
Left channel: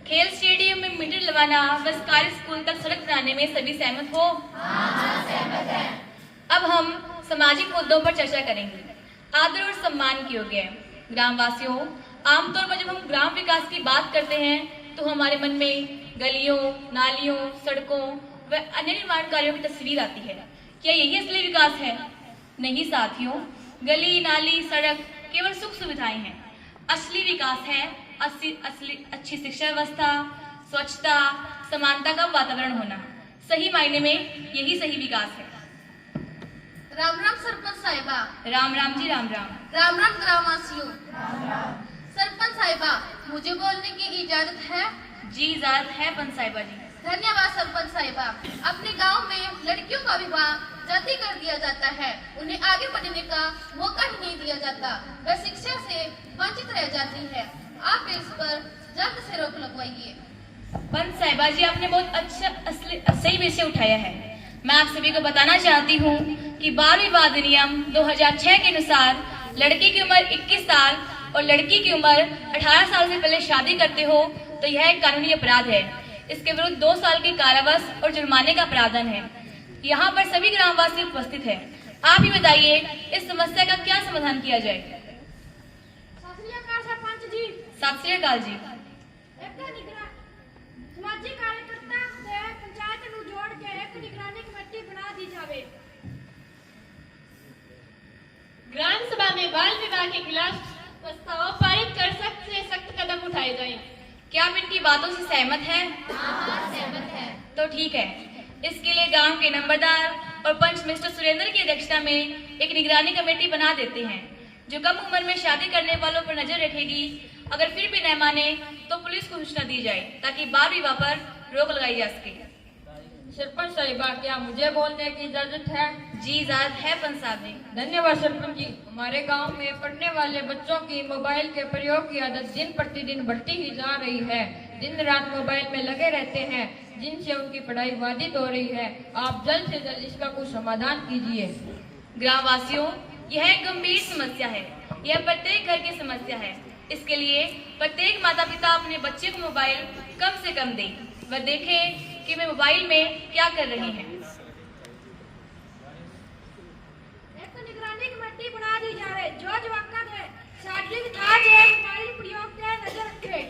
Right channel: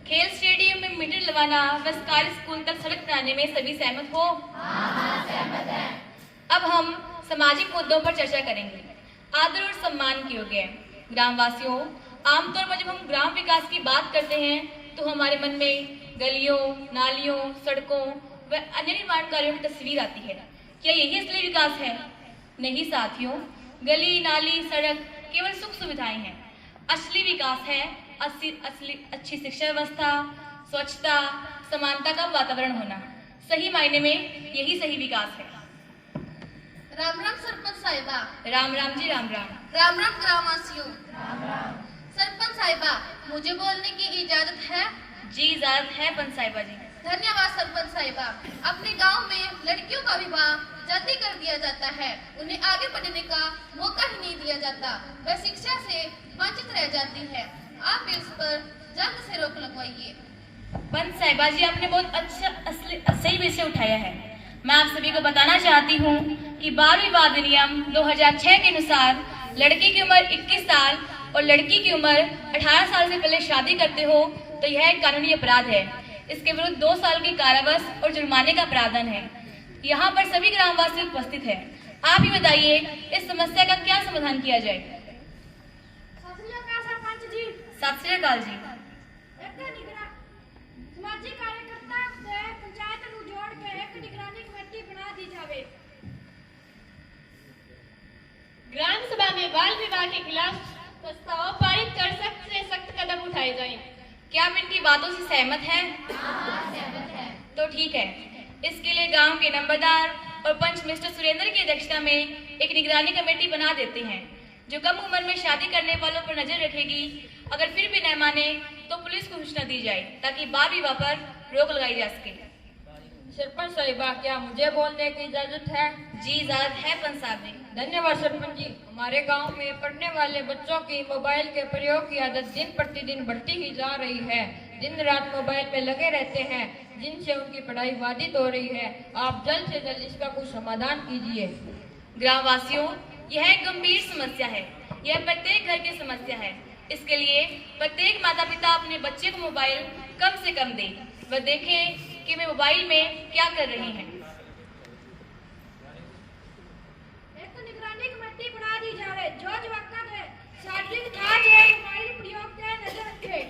खेल स्टेडियम में मिट्टी डलवाना व सरकारी स्कूल तक सड़क बनाने में सभी सहमत हो? सहमत है। अब हम सामाजिक मुद्दों पर चर्चा करेंगे। आदर और सम्मान के योग्य है। ग्रामवासियों, आमतौर पर जब हम ग्राम विकास की बात करते हैं तो हमारे मन में गलियों, नालियों, सड़कों व अन्य निर्माण कार्यों की तस्वीर आती है। क्या यही असली विकास है? नहीं साथियों, गली, नाली, सड़क केवल सुख सुविधाएं हैं। असली विकास है असली अच्छी शिक्षा व्यवस्था, स्वच्छता, समानता का वातावरण होना। सही मायने में यही सही विकास है। राम राम सरपंच साहिबा। राम राम जी, राम राम। राम राम ग्रामवासियों। सरपंच साहिबा, मुझे बोलने की इजाजत है? जी इजाजत है पंच साहिबा जी। धन्यवाद सरपंच साहिबा। अपने गांव में लड़कियों का विवाह जाति कर दिया जाता है। उन्हें आगे बढ़ने का मौका ही नहीं दिया जाता। वह शिक्षा से वंचित रह जाती है। आप इस पर जल्द से रोक लगवाइए। पंच साहिबा जी, आपने बहुत अच्छा सही विषय उठाया है। मैं आप सभी को बताना चाहती हूँ कि बाल विवाह अधिनियम 2006 के अनुसार लड़की की उम्र 21 साल और लड़की की उम्र 18 साल से पहले शादी करते हो तो यह एक कानूनी अपराध है। इसके विरुद्ध 2 साल की कारावास और जुर्माने का प्रावधान है। यहाँ पर सभी ग्रामवासी उपस्थित हैं। आप ही बताइए इस समस्या का क्या समाधान किया जाए। सरपंच जी, सत श्री अकाल जी। समाजिक कार्यकर्ता से पंचायत ਨੂੰ जोड़ के एक निगरानी कमेटी बना दी जावे। ग्राम सभा में बाल विवाह के खिलाफ प्रस्ताव पारित कर सख्त से सख्त कदम उठाए जाएं। क्या आप इनकी बातों से सहमत हैं? तो ठीक है। इसके लिए गांव के नंबरदार और पंच मिस्टर सुरेंद्र की अध्यक्षता में एक निगरानी कमेटी बना देते हैं जो कम उम्र में शादी करने वालों पर नजर रखेगी। अगर फिर भी न माने तो पुलिस को सूचना दी जाए ताकि बाल विवाह पर रोक लगाई जा सके। सरपंच साहिबा, क्या मुझे बोलने की इजाजत है? जी इजाजत है पंच साहब जी। धन्यवाद सरपंच जी। हमारे गांव में पढ़ने वाले बच्चों की मोबाइल के प्रयोग की आदत दिन प्रतिदिन बढ़ती ही जा रही है। दिन रात मोबाइल में लगे रहते हैं जिनसे उनकी पढ़ाई बाधित हो रही है। आप जल्द से जल्द इसका कुछ समाधान कीजिए। ग्रामवासियों, यह एक गंभीर समस्या है। यह प्रत्येक घर की समस्या है। इसके लिए प्रत्येक माता पिता अपने बच्चे को मोबाइल कम से कम दे व देखे कि वे मोबाइल में क्या कर रहे हैं। एक निगरानी कमेटी बना दी जावे जो जवाबदार है शारीरिक कार्य है मोबाइल प्रयोग पर नजर रखे।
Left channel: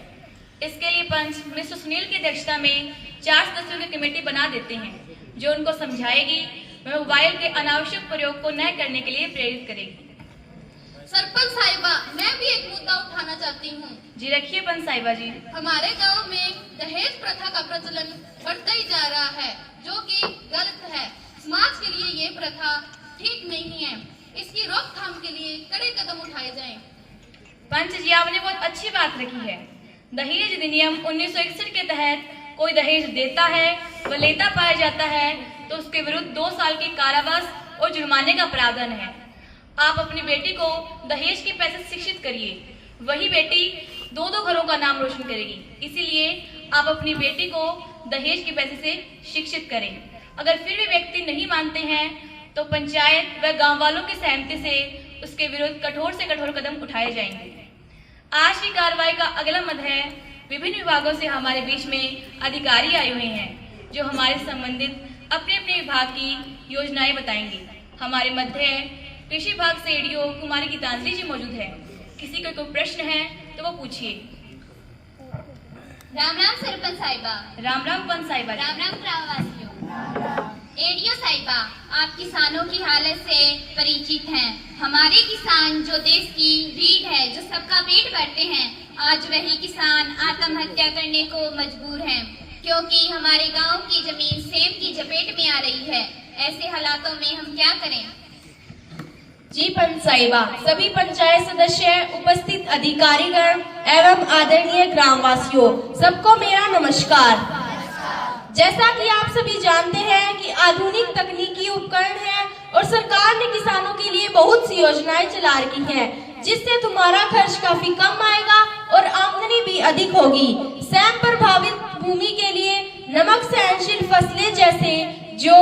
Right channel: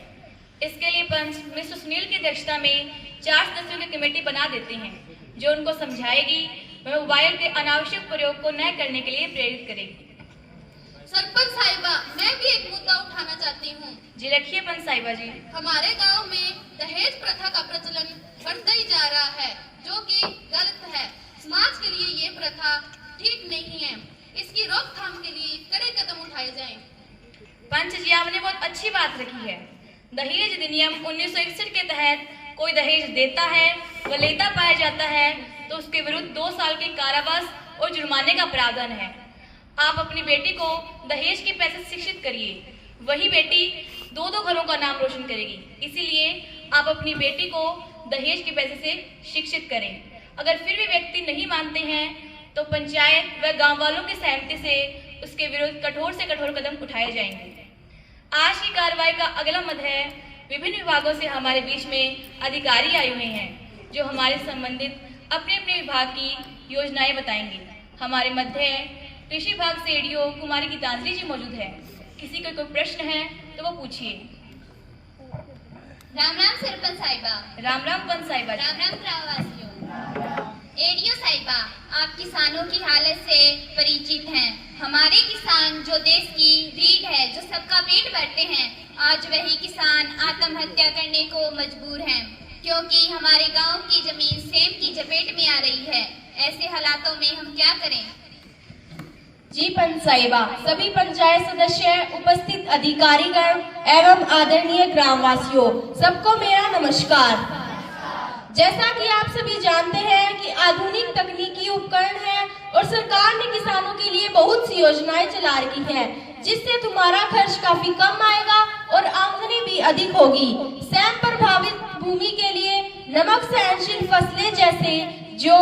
इसके लिए पंच मिस्टर सुनील की अध्यक्षता में 4 सदस्यों की कमेटी बना देते हैं जो उनको समझाएगी व मोबाइल के अनावश्यक प्रयोग को न करने के लिए प्रेरित करेगी। सरपंच साहिबा, मैं भी एक मुद्दा उठाना चाहती हूँ। जी रखिए पंच साहिबा जी। हमारे गांव में दहेज प्रथा का प्रचलन बढ़ता ही जा रहा है जो कि गलत है। समाज के लिए ये प्रथा ठीक नहीं है। इसकी रोकथाम के लिए कड़े कदम उठाए जाएं। पंच जी, आपने बहुत अच्छी बात रखी है। दहेज अधिनियम 1961 के तहत कोई दहेज देता है व लेता पाया जाता है तो उसके विरुद्ध 2 साल की कारावास और जुर्माने का प्रावधान है। आप अपनी बेटी को दहेज के पैसे से शिक्षित करिए, वही बेटी 2 घरों का नाम रोशन करेगी। इसीलिए आप अपनी बेटी को दहेज के पैसे से शिक्षित करें। अगर फिर भी व्यक्ति नहीं मानते हैं तो पंचायत व गांव वालों की सहमति से उसके विरुद्ध कठोर से कठोर कदम उठाए जाएंगे। आज की कार्रवाई का अगला मद है विभिन्न विभागों से हमारे बीच में अधिकारी आए हुए हैं जो हमारे संबंधित अपने अपने विभाग की योजनाएं बताएंगे। हमारे मध्य कृषि विभाग से एडीओ कुमारी गीतांजलि जी मौजूद है। किसी का कोई प्रश्न है तो वो पूछिए। राम राम सरपंच साहिबा। राम राम पंच साहिबा। राम राम ग्रामवासियों। एडीओ साहिबा, आप किसानों की हालत से परिचित हैं। हमारे किसान जो देश की रीढ़ है, जो सबका पेट भरते हैं, आज वही किसान आत्महत्या करने को मजबूर हैं क्योंकि हमारे गांव की जमीन सेम की चपेट में आ रही है। ऐसे हालातों में हम क्या करें? जी पंच साहिबा, सभी पंचायत सदस्य, उपस्थित अधिकारीगण एवं आदरणीय ग्रामवासियों, सबको मेरा नमस्कार। जैसा कि आप सभी जानते हैं कि आधुनिक तकनीकी उपकरण है और सरकार ने किसानों के लिए बहुत सी योजनाएं चला रखी हैं, जिससे तुम्हारा खर्च काफी कम आएगा और आमदनी भी अधिक होगी। सैम प्रभावित भूमि के लिए नमक सहनशील फसलें जैसे जौ,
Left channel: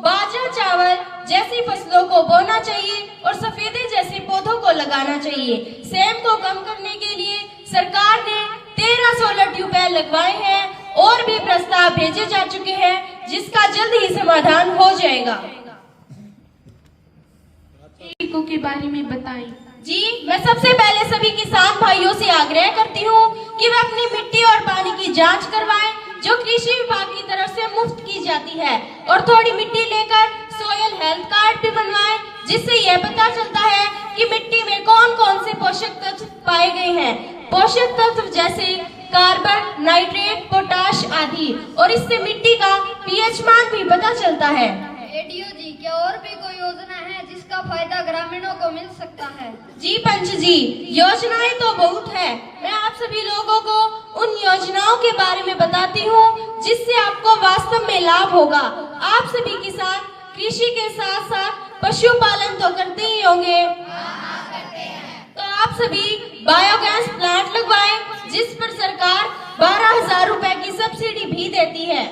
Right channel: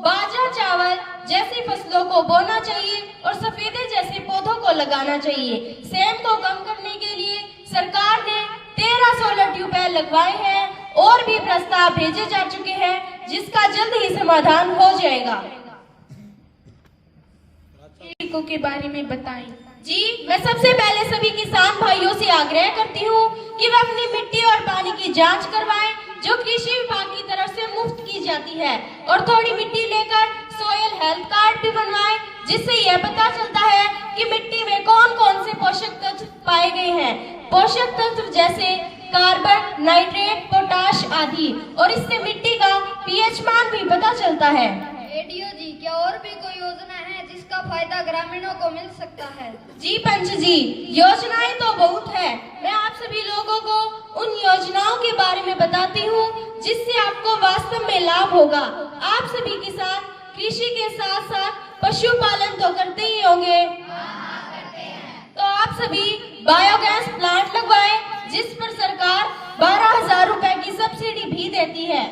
बाजरा, चावल जैसी फसलों को बोना चाहिए और सफेदे जैसे पौधों को लगाना चाहिए। सैम को कम करने के लिए सरकार ने 13 सोलर ट्यूबवेल लगवाए हैं और भी प्रस्ताव भेजे जा चुके हैं जिसका जल्द ही समाधान हो जाएगा। के बारे में बताएं। जी, मैं सबसे पहले सभी किसान भाइयों से आग्रह करती हूँ कि वे अपनी मिट्टी और पानी की जांच करवाएं जो कृषि विभाग की तरफ से मुफ्त की जाती है, और थोड़ी मिट्टी लेकर सॉइल हेल्थ कार्ड भी बनवाएं जिससे यह पता चलता है कि मिट्टी में कौन कौन से पोषक तत्व पाए गए हैं। पोषक तत्व जैसे कार्बन, नाइट्रेट, पोटाश आदि, और इससे मिट्टी का पीएच मान भी पता चलता है। एडीओ जी, क्या और भी कोई योजना है जिसका फायदा ग्रामीणों को मिल सकता है? जी पंच जी, योजनाएं तो बहुत है। मैं आप सभी लोगों को उन योजनाओं के बारे में बताती हूँ जिससे आपको वास्तव में लाभ होगा। आप सभी किसान कृषि के साथ साथ पशुपालन तो करते ही होंगे। तो आप सभी बायोगैस प्लांट लगवाएं, जिस पर सरकार 12,000 रुपए की सब्सिडी भी देती है।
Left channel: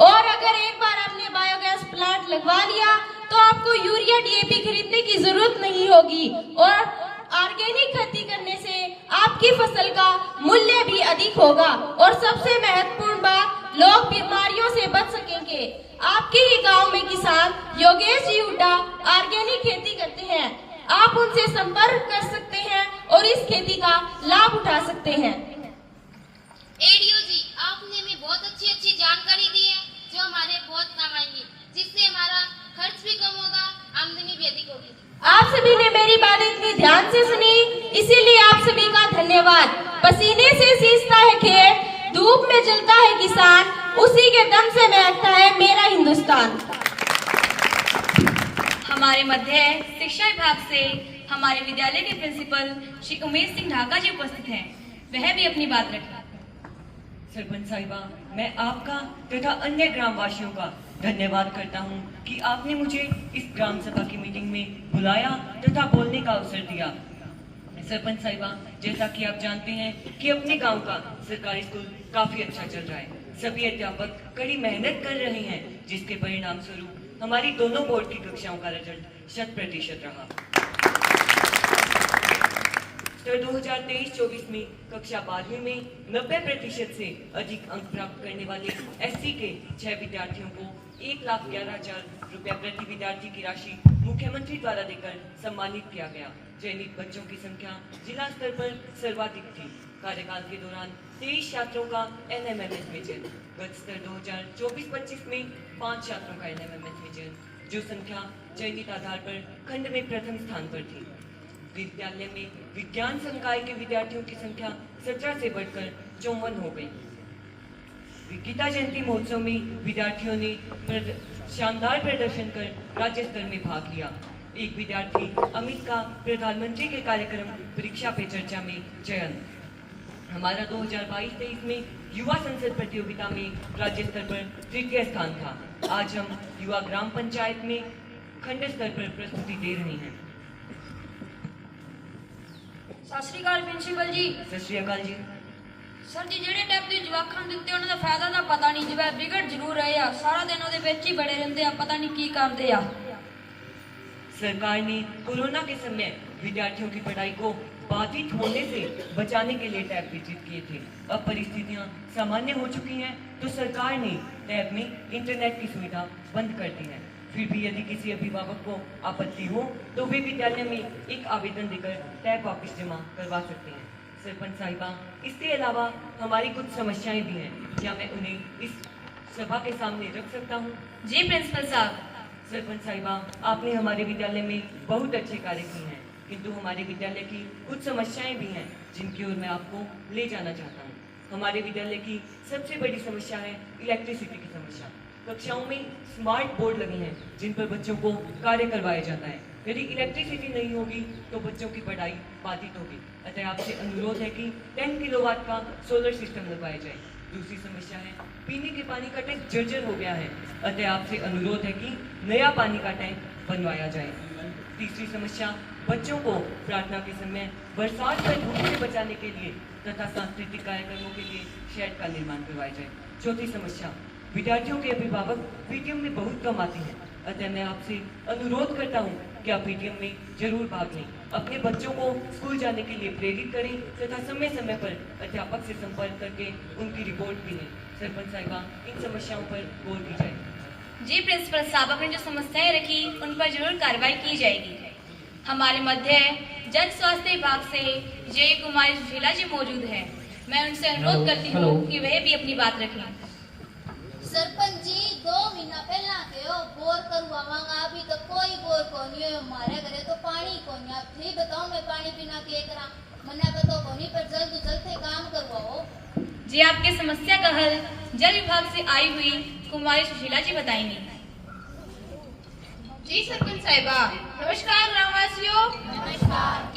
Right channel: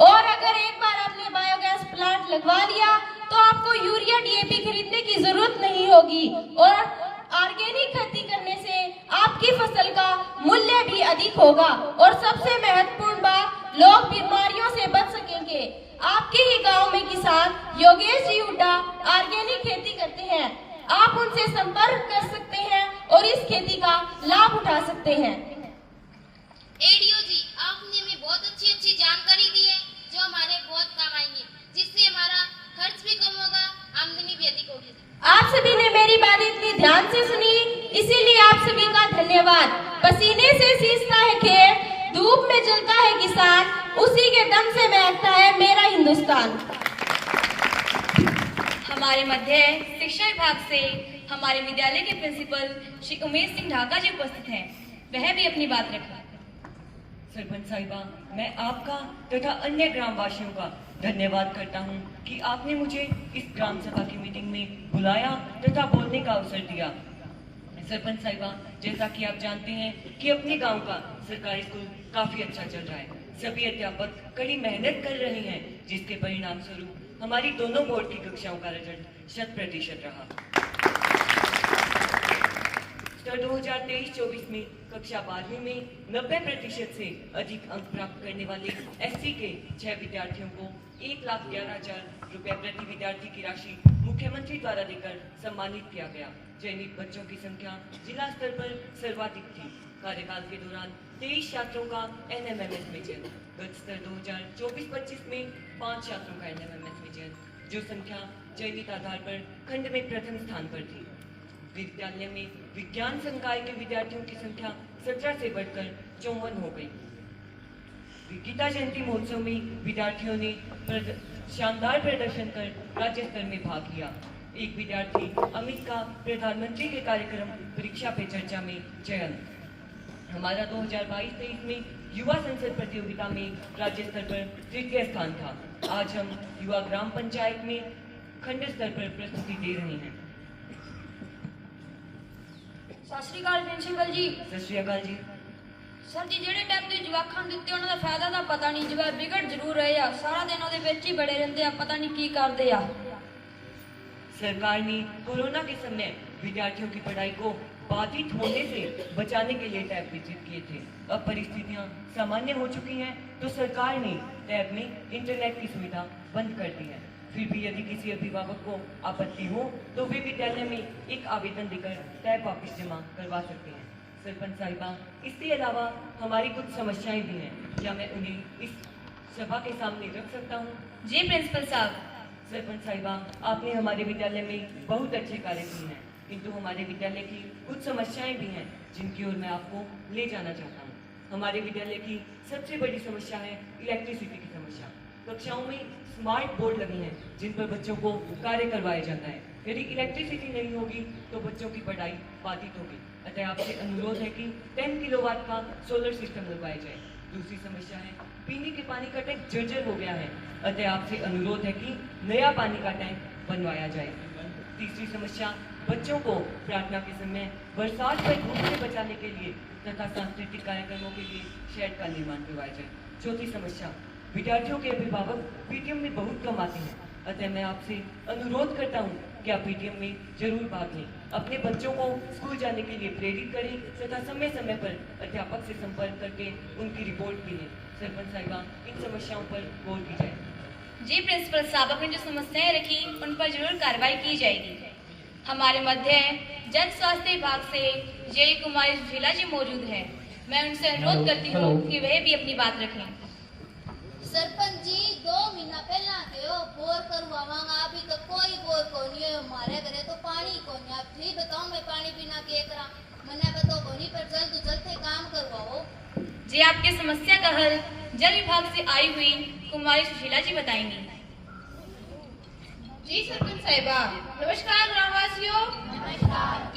और अगर एक बार आपने बायोगैस प्लांट लगवा लिया तो आपको यूरिया DAP खरीदने की जरूरत नहीं होगी और ऑर्गेनिक खेती करने से आपकी फसल का मूल्य भी अधिक होगा। और सबसे महत्वपूर्ण बात, लोग बीमारियों से बच सकेंगे। आपके ही गांव में किसान योगेश जी हुड्डा ऑर्गेनिक खेती करते हैं, आप उनसे संपर्क कर सकते हैं और इस खेती का लाभ उठा सकते हैं। एडीओ जी, आपने हमें बहुत अच्छी जानकारी दी है जो हमारे बहुत काम आएंगी, जिससे हमारा खर्च भी कम होगा, आमदनी भी अधिक होगी। आप सभी ने मेरी बात इतनी ध्यान से सुनी, इसीलिए आप सभी का धन्यवाद। पसीने से सींचता है खेत, धूप में जलता है किसान, उसी के दम से महकता है मेरा हिंदुस्तान। हमारे मध्य शिक्षा विभाग से हमारे विद्यालय के प्रिंसिपल श्री उमेश सिंह ढाका जी उपस्थित हैं, वह भी अपनी बात रखें। सरपंच साहिबा, मैं आपका तथा अन्य ग्राम वासियों का धन्यवाद करता हूं कि आपने मुझे इस ग्राम सभा की मीटिंग में बुलाया तथा बोलने का अवसर दिया। सरपंच साहिबा, जैसा कि आप जानते हैं कि अपने गांव का सरकारी स्कूल काफी अच्छा चल रहा है। सभी अध्यापक कड़ी मेहनत कर रहे हैं, जिसके परिणाम स्वरूप हमारी दोनों बोर्ड की कक्षाओं का रिजल्ट 100% रहा। स्तर 2023-24 में कक्षा 12वीं में 90% से अधिक अंक प्राप्त करने वाले SC के 6 विद्यार्थियों को 1,11,000 रुपया प्रति विद्यार्थी की राशि मुख्यमंत्री द्वारा देकर सम्मानित किया गया। चयनित बच्चों की संख्या जिला स्तर पर सर्वाधिक थी। कार्यकाल के दौरान 23 छात्रों का NMMS में चयन। गत स्तर 2024-25 में 5 छात्रों का NMMS में चयन, जो संख्या चयनित आधार पर खंड में प्रथम स्थान पर थी। विद्यालय में विज्ञान संकाय के विद्यार्थियों की संख्या 17 से बढ़कर 54 हो गई। गीता जयंती महोत्सव में विद्यार्थियों ने शानदार प्रदर्शन कर राज्य स्तर में भाग लिया। एक विद्यार्थी अमित का प्रधानमंत्री के कार्यक्रम परीक्षा पे चर्चा में चयन। हमारा 2022-23 में युवा संसद प्रतियोगिता में राज्य स्तर पर 3य स्थान था। आज हम युवा ग्राम पंचायत में खंड स्तर पर प्रस्तुति दे रहे हैं। सत श्री अकाल प्रिंसिपल जी। सत श्री अकाल जी। सर जी, ਜਿਹੜੇ ਟਾਈਪ ਦੇ ਜਵਾਕਾਂ ਦਿੱਤੇ ਉਹਨਾਂ ਦਾ ਫਾਇਦਾ ਤਾਂ ਪਤਾ ਨਹੀਂ, ਜਿਵੇਂ ਵਿਗੜ ਜ਼ਰੂਰ ਰਹੇ ਆ, ਸਾਰਾ ਦਿਨ ਉਹਦੇ ਵਿੱਚ ਹੀ ਬੜੇ ਰਹਿੰਦੇ ਆ, ਪਤਾ नहीं ਕੀ ਕਰਦੇ ਆ। सरकार ने कोरोना के समय विद्यार्थियों की पढ़ाई को बाधित होने से बचाने के लिए टैब वितरित किए थे। अब परिस्थितियां सामान्य हो चुकी हैं, तो सरकार ने टैब में इंटरनेट की सुविधा बंद कर दी है। फिर भी यदि किसी अभिभावक को आपत्ति हो तो वे विद्यालय में एक आवेदन देकर टैब वापस जमा करवा सकते हैं। सरपंच साहिबा, इसके अलावा हमारी कुछ समस्याएं भी हैं, क्या मैं उन्हें इस सभा के सामने रख सकता हूँ? जी प्रिंसिपल साहब। सरपंच साहिबा, आपने हमारे विद्यालय में बहुत अच्छे कार्य किए हैं, किंतु हमारे विद्यालय की कुछ समस्याएं भी हैं जिनकी ओर मैं आपको ले जाना चाहता हूँ। हमारे विद्यालय की सबसे बड़ी समस्या है इलेक्ट्रिसिटी की समस्या। कक्षाओं में स्मार्ट बोर्ड लगे हैं जिन पर बच्चों को कार्य करवाया जाता है। यदि इलेक्ट्रिसिटी नहीं होगी तो बच्चों की पढ़ाई बाधित होगी। अतः आपसे अनुरोध है कि 10 किलोवाट का सोलर सिस्टम लगवाया जाए। दूसरी समस्या है पीने के पानी का टैंक जर्जर हो गया है, अतः आपसे अनुरोध है कि नया पानी का टैंक बनवाया जाए। तीसरी समस्या, बच्चों को प्रार्थना के समय बरसात से धूप से बचाने के लिए तथा सांस्कृतिक कार्यक्रमों के लिए शेड का निर्माण करवाया जाए। चौथी समस्या, विद्यार्थियों के अभिभावक पीटीएम में बहुत कम आते हैं, अतः मैं आपसे अनुरोध करता हूँ कि आप पीटीएम में जरूर भाग लें। अपने बच्चों को स्कूल जाने के लिए प्रेरित करें तथा समय समय पर अध्यापक से संपर्क करके उनकी रिपोर्ट भी लें। सरपंच साहिबा, इन समस्याओं पर गौर की जाए। जी प्रिंसिपल साहब, आपने जो समस्याएं रखी उन पर जरूर कार्रवाई की जाएगी। हमारे मध्य जन स्वास्थ्य विभाग से जे कुमारी सुशीला जी मौजूद है। मैं उनसे अनुरोध करती हूँ कि वह भी अपनी बात रखें। सरपंच जी, 2 महीना पहला कहो बोर करवावांगा, अभी तो कोई बोर को नहीं है। हमारे घरे तो पानी को नहीं। आप ठीक बताओ, मैं पानी पीना के करा? मना बताओ कोनी, पर जल्द जल्द काम करवाओ। जी, आपके समस्या का हल जल विभाग से आई हुई कुमारी सुशीला जी बताएंगी। जी सरपंच साहिबा, नमस्कार ग्रामवासियों।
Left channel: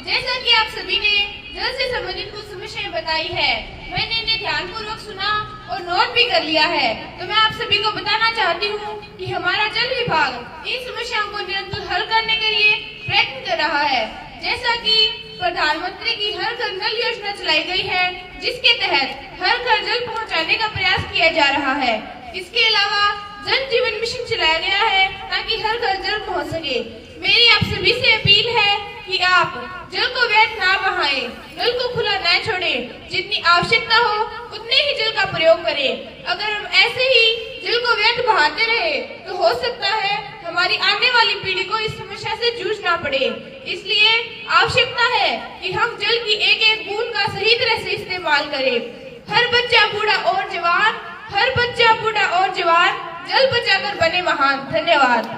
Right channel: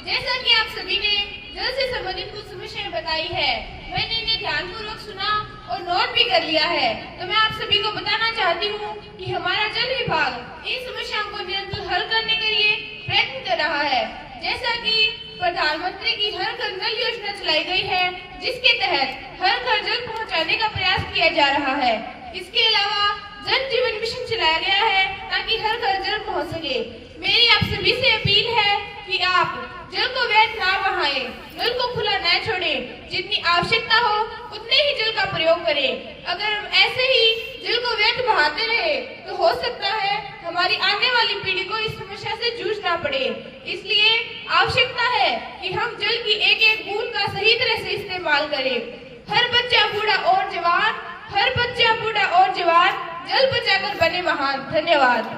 जैसा कि आप सभी ने जल से संबंधित कुछ समस्याएं बताई है। मैंने इन्हें ध्यानपूर्वक सुना और नोट भी कर लिया है। तो मैं आप सभी को बताना चाहती हूँ कि हमारा जल विभाग इन समस्याओं को निरंतर हल करने के लिए प्रयत्न कर रहा है। जैसा कि प्रधानमंत्री की हर घर नल योजना चलाई गई है, जिसके तहत हर घर जल पहुँचाने का प्रयास किया जा रहा है। इसके अलावा जल जीवन मिशन चलाया गया है ताकि हर घर जल पहुँच सके। मेरी आप सभी से अपील है कि आप जल को व्यर्थ ना बहाएं, नल को खुला न छोड़ें। जितनी आवश्यकता हो उतने ही जल का प्रयोग करें। अगर हम ऐसे ही जल को व्यर्थ बहाते रहे तो हो सकता है हमारी आने वाली पीढ़ी को इस समस्या से जूझना पड़े। इसलिए आवश्यकता है कि हम जल की एक एक बूंद का सही तरह से इस्तेमाल करें। हर बच्चा बूढ़ा और जवान, हर बच्चा बूढ़ा और जवान जल बचाकर बने महान। धन्यवाद।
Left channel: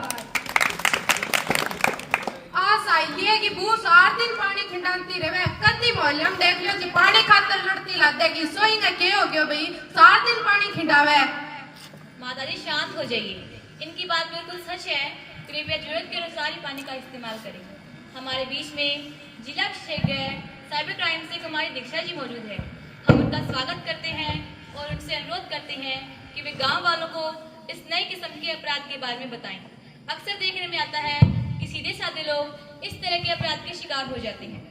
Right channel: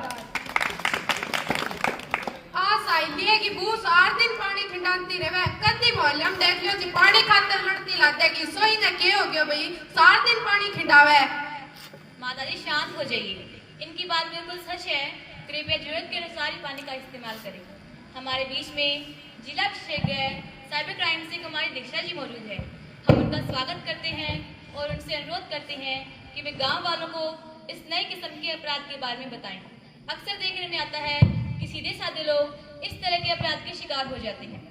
है कि बू 7 दिन पानी खिंडाती रहे कदी मोहल्ले हम देख लो जी पानी खातर लड़ती लाते कि सोई ने के हो गयो भाई 7 दिन पानी खिंडावे। माता जी शांत हो जाइए, इनकी बात बिल्कुल सच है। कृपया जरूरत के अनुसार ही पानी का इस्तेमाल करें। हमारे बीच में जिला विशेषज्ञ साइबर क्राइम से कुमारी दीक्षा जी मौजूद है। हम उनका स्वागत करते हैं और उनसे अनुरोध करते हैं कि वे गाँव वालों को इस नए किस्म के अपराध के बारे में बताएं। अक्सर देखने में आता है कि सीधे साधे लोग इस तरह के अपराध के शिकार हो जाते हैं।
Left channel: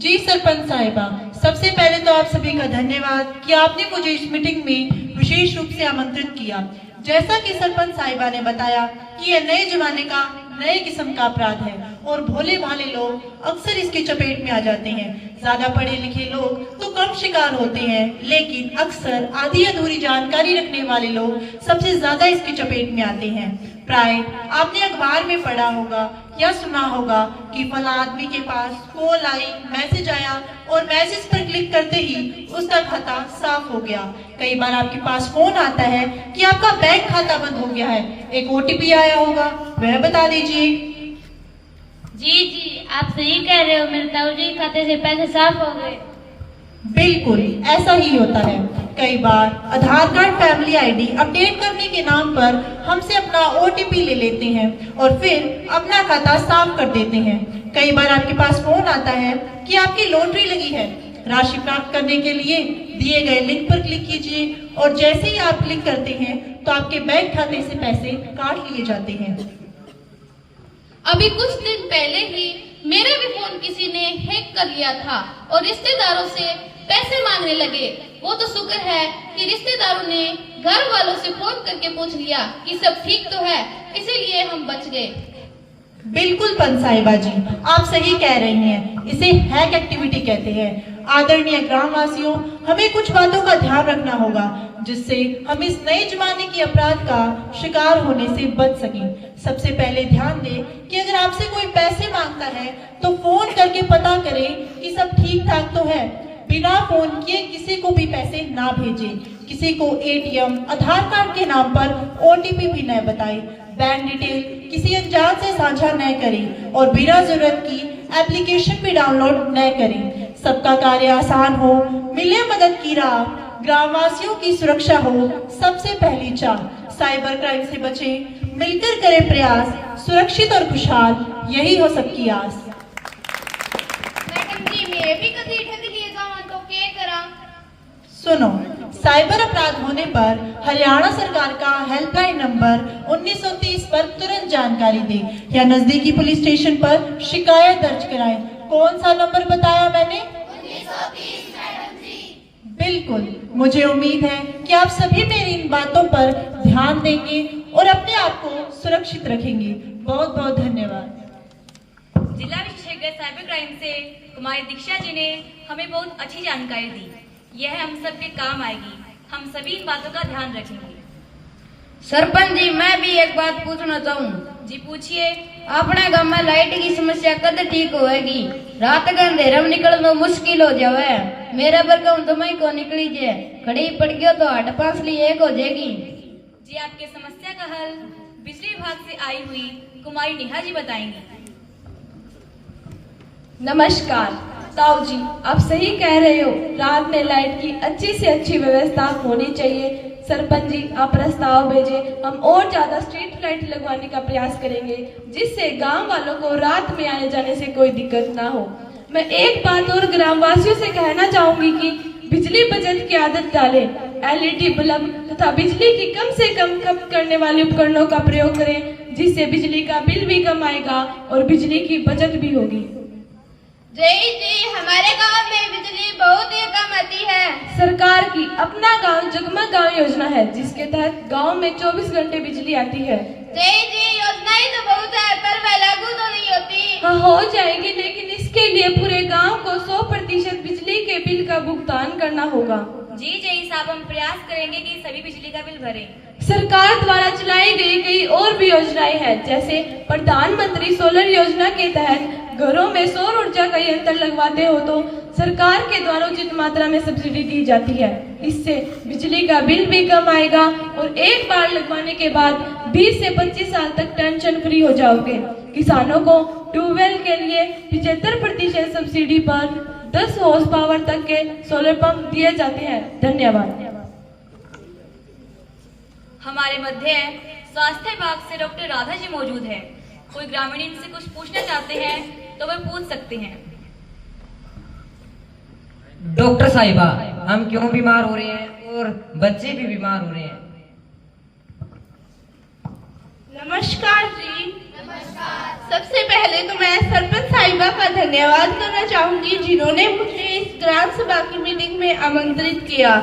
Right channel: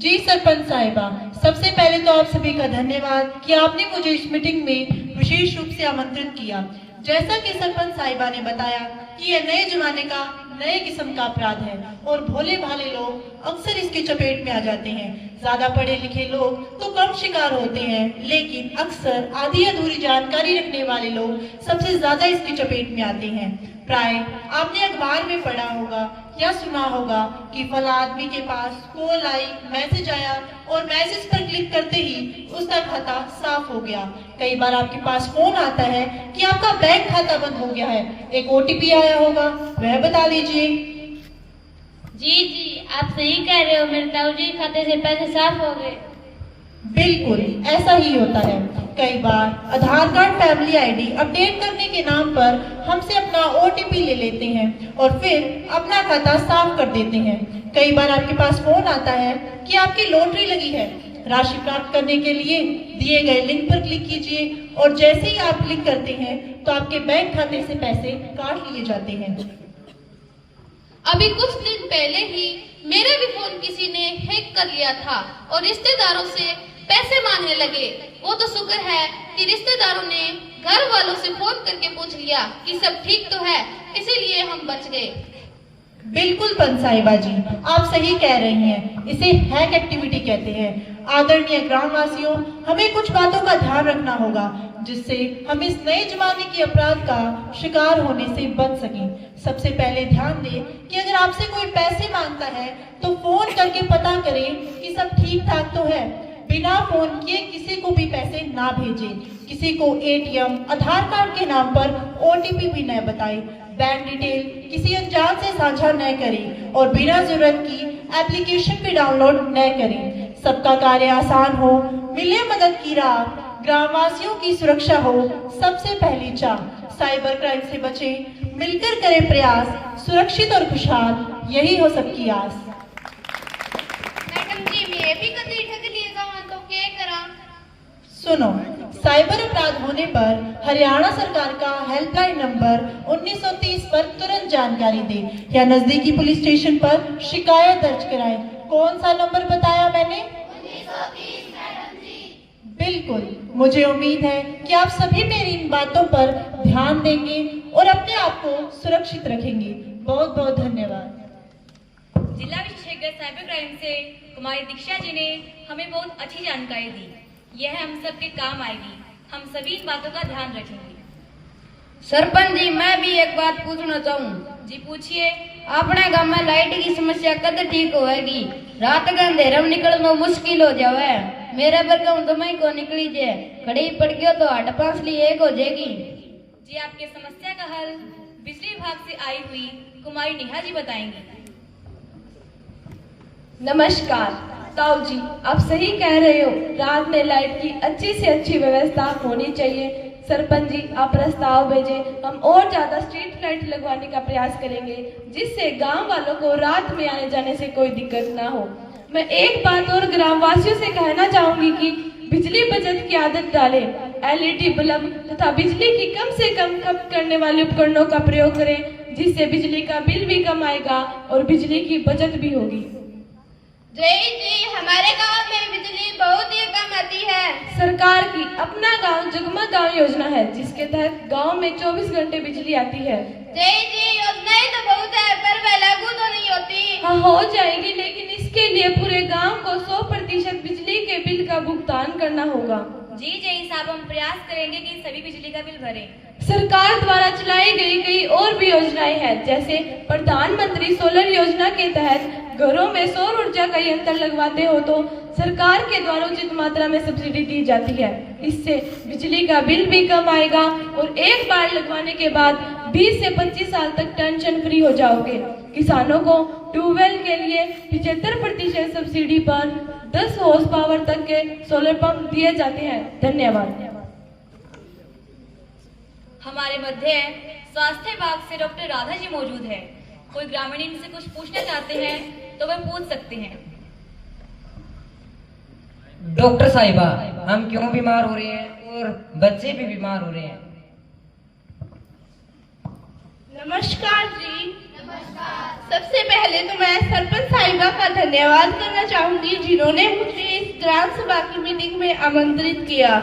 जी सरपंच साहिबा, सबसे पहले तो आप सभी का धन्यवाद कि आपने मुझे इस मीटिंग में विशेष रूप से आमंत्रित किया। जैसा कि सरपंच साहिबा ने बताया कि यह नए जमाने का नए किस्म का अपराध है और भोले भाले लोग अक्सर इसकी चपेट में आ जाते हैं। ज्यादा पढ़े लिखे लोग तो कम शिकार होते हैं, लेकिन अक्सर आधी अधूरी जानकारी रखने वाले लोग सबसे ज्यादा इसकी चपेट में आते हैं। प्राय आपने अखबार में पढ़ा होगा या सुना होगा कि फला आदमी के पास कॉल आई, मैसेज आया और मैसेज पर क्लिक करते ही उसका खाता साफ हो गया। कई बार आपके पास फोन आता है कि आपका बैंक खाता बंद हो गया है, एक OTP आया होगा, वह बता दीजिए। जी आप सही कह रहे हो, मेरे ताऊजी के खाते से पैसे साफ हो गए। बिल्कुल ऐसा ही होता है। कई बार आधार कार्ड फैमिली ID अपडेट करने के नाम पर हमसे अपना OTP ले लेते हैं और फिर अपना खाता साफ कर देते हैं। कई बार आपके पास फोन आता है कि आपकी लॉटरी लगी है, राशि प्राप्त करने के लिए दिए गए लिंक पर क्लिक कीजिए और जैसे ही आप क्लिक करते हैं तो आपके बैंक खाते से पैसे काट लिए जाते हैं। अभी कुछ दिन पहले ही मेरा भी फोन किसी ने हैक कर लिया था और रिश्तेदारों से पैसे मांगने लगे। वो तो शुक्र है कि रिश्तेदारों ने घर वालों से फोन करके पूछ लिया कि सब ठीक तो है, इसीलिए हम बच गए। बिल्कुल पंसाहिबा जी, आप सही कह रही हैं। इसे हैक एक्टिविटी कहते हैं। आदरणीय ग्रामवासियों, हमें कुछ बातों का ध्यान रखना होगा जिससे हम इस नए जमाने के अपराध का शिकार होने से बच सकें। सबसे पहले ध्यान दें कि अगर आपसे कोई पैसे मांगता है तो फोन करके पता करें कि सब ठीक ठाक तो है। बिना फोन किए किसी को भी पैसे ना भेजें। किसी को ATM, आधार कार्ड के नाम पर OTP भी न बताएं। बैंक डिटेल किसी अनजान से साझा न करें और बिना जरूरत की एप्लीकेशन भी डाउनलोड न करें। सबका कार्य आसान हो, मिले मदद की राह, ग्रामवासियों की सुरक्षा हो सबसे पहली चाह। साइबर क्राइम से बचें, मिलकर करें प्रयास, सुरक्षित और खुशहाल यही हो सबकी आस। मैडम जी मैं भी कभी ठग लिए जाऊं तो क्या करा? सुनो, साइबर अपराध होने पर हरियाणा सरकार का हेल्पलाइन नंबर 1930 पर तुरंत जानकारी दें या नजदीकी पुलिस स्टेशन पर शिकायत दर्ज कराएं। कौन सा नंबर बताया मैंने? 1930 मैडम जी। बिल्कुल, मुझे उम्मीद है कि आप सभी मेरी इन बातों पर ध्यान देंगे और अपने आप को सुरक्षित रखेंगे। बहुत बहुत धन्यवाद। जिला विशेषज्ञ साइबर क्राइम से कुमारी दीक्षा जी ने हमें बहुत अच्छी जानकारी दी। यह हम सबके काम आएगी। हम सभी इन बातों का ध्यान रखेंगे। सरपंच जी, मैं भी एक बात पूछना चाहूँ। जी पूछिए। अपने गांव में लाइट की समस्या कद ठीक होएगी? रात के अंधेरे में निकलना मुश्किल हो जावे। मेरे पर कहूँ तो मैं को निकली जे, खड़ी पड़ गयो तो हट पांसली एक हो जाएगी। जी आपके समस्या का हल बिजली विभाग से आई हुई कुमारी नेहा जी बताएंगी। नमस्कार ताऊ जी, आप सही कह रहे हो। रात में लाइट की अच्छी से अच्छी व्यवस्था होनी चाहिए। सरपंच जी आप प्रस्ताव भेजें, हम और ज्यादा स्ट्रीट लाइट लगवाने का प्रयास करेंगे जिससे गांव वालों को रात में आने जाने से कोई दिक्कत ना हो। मैं एक बात और ग्रामवासियों से कहना चाहूंगी कि बिजली बचत की आदत डालें। एलईडी बल्ब तथा बिजली की कम से कम खपत करने वाले उपकरणों का प्रयोग करें, जिससे बिजली का बिल भी कम आएगा और बिजली की बचत भी होगी। जी हमारे गांव में बिजली बहुत ही कम आती है। सरकार की अपना गांव जगमग गांव योजना है, जिसके तहत गांव में 24 घंटे बिजली आती है। जी योजनाएं तो बहुत है, पर वह लागू तो नहीं होती। हाँ हो जाएगी, लेकिन इसके लिए पूरे गांव को 100% बिजली के बिल का भुगतान करना होगा। जी साहब, हम प्रयास करेंगे कि सभी बिजली का बिल भरें। सरकार द्वारा चलाई गई कई और भी योजनाएं हैं, जैसे प्रधानमंत्री सोलर योजना के तहत घरों में सौर ऊर्जा का यंत्र लगवाते हो तो सरकार के द्वारा उचित मात्रा में सब्सिडी दी जाती है। इससे बिजली का बिल भी कम आएगा और एक बार लगवाने के बाद 20 से 25 साल तक टेंशन फ्री हो जाओगे। किसानों को ट्यूबवेल के लिए 75% सब्सिडी पर 10 हॉर्स पावर तक के सोलर पंप दिए जाते हैं। धन्यवाद। हमारे मध्य स्वास्थ्य विभाग से डॉक्टर राधा जी मौजूद है। कोई ग्रामीण इनसे कुछ पूछना चाहते हैं तो वह पूछ सकते हैं। डॉक्टर साहिबा, हम क्यों बीमार हो रहे हैं और बच्चे भी बीमार हो रहे हैं? नमस्कार जी। सबसे पहले तो मैं सरपंच साहिबा का धन्यवाद करना चाहूंगी, जिन्होंने मुझे इस ग्राम सभा की मीटिंग में आमंत्रित किया,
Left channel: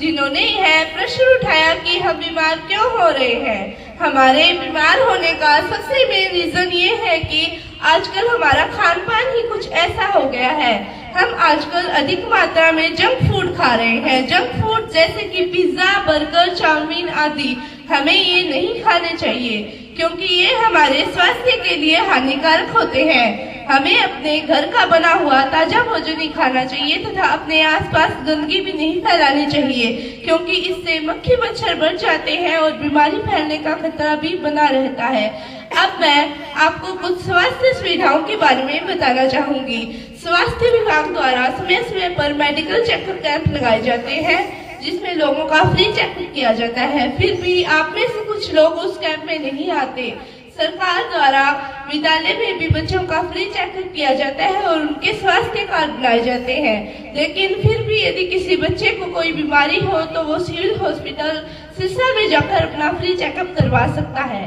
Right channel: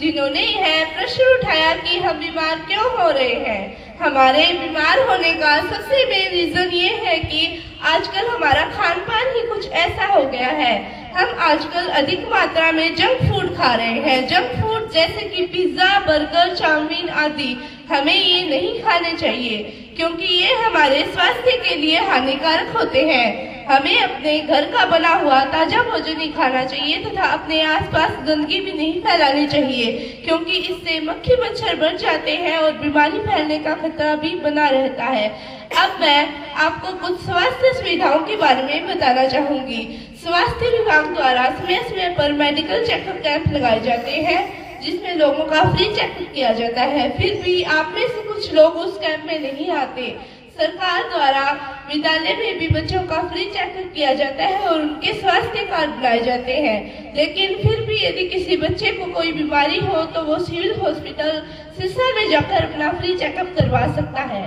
जिन्होंने यह प्रश्न उठाया कि हम बीमार क्यों हो रहे हैं। हमारे बीमार होने का सबसे मेन रीजन ये है कि आजकल हमारा खान पान ही कुछ ऐसा हो गया है। हम आजकल अधिक मात्रा में जंक फूड खा रहे हैं। जंक फूड जैसे कि पिज्जा, बर्गर, चाउमीन आदि, हमें ये नहीं खाने चाहिए, क्योंकि ये हमारे स्वास्थ्य के लिए हानिकारक होते हैं। हमें अपने घर का बना हुआ ताजा भोजन ही खाना चाहिए तथा अपने आसपास गंदगी भी नहीं फैलानी चाहिए, क्योंकि इससे मक्खी मच्छर बढ़ जाते हैं और बीमारी फैलने का खतरा भी बना रहता है। अब मैं आपको कुछ स्वास्थ्य सुविधाओं के बारे में बताना चाहूंगी। स्वास्थ्य विभाग द्वारा समय समय पर मेडिकल चेकअप कैंप लगाए जाते हैं, जिसमें लोगों का फ्री चेकअप किया जाता है। फिर भी आप में से कुछ लोग उस कैंप में नहीं आते। सरकार द्वारा विद्यालय में भी बच्चों का फ्री चेकअप किया जाता है और उनके स्वास्थ्य कार्ड बनाए जाते हैं, लेकिन फिर भी यदि किसी बच्चे को कोई बीमारी हो तो वो सिविल हॉस्पिटल सिरसा में जाकर अपना फ्री चेकअप करवा सकता है।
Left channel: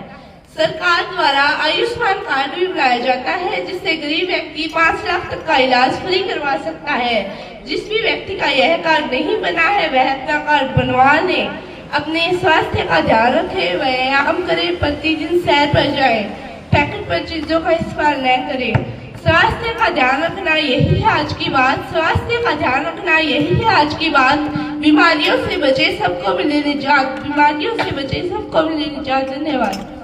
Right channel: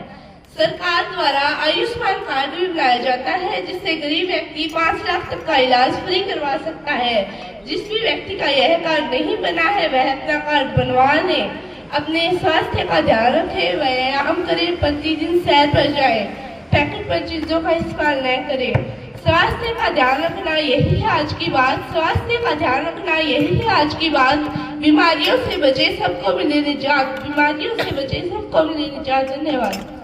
सरकार द्वारा आयुष्मान कार्ड भी बनाया जाता है, जिससे गरीब व्यक्ति 5 लाख तक का इलाज फ्री करवा सकता है। जिस भी व्यक्ति का यह कार्ड नहीं बना है वह अपना कार्ड बनवा ले। अपने स्वास्थ्य का ध्यान रखें, व्यायाम करें, प्रतिदिन सैर पर जाएं, पैकेट पर चीजों का इस्तेमाल न करें। स्वास्थ्य का ध्यान रखना यही है आज की बात। स्वास्थ्य का ध्यान रखना यही है आज की बात। बीमारियों से बचे, सबको मिले निजात। बीमारियों से बचे, सबको मिले निजात। धन्यवाद।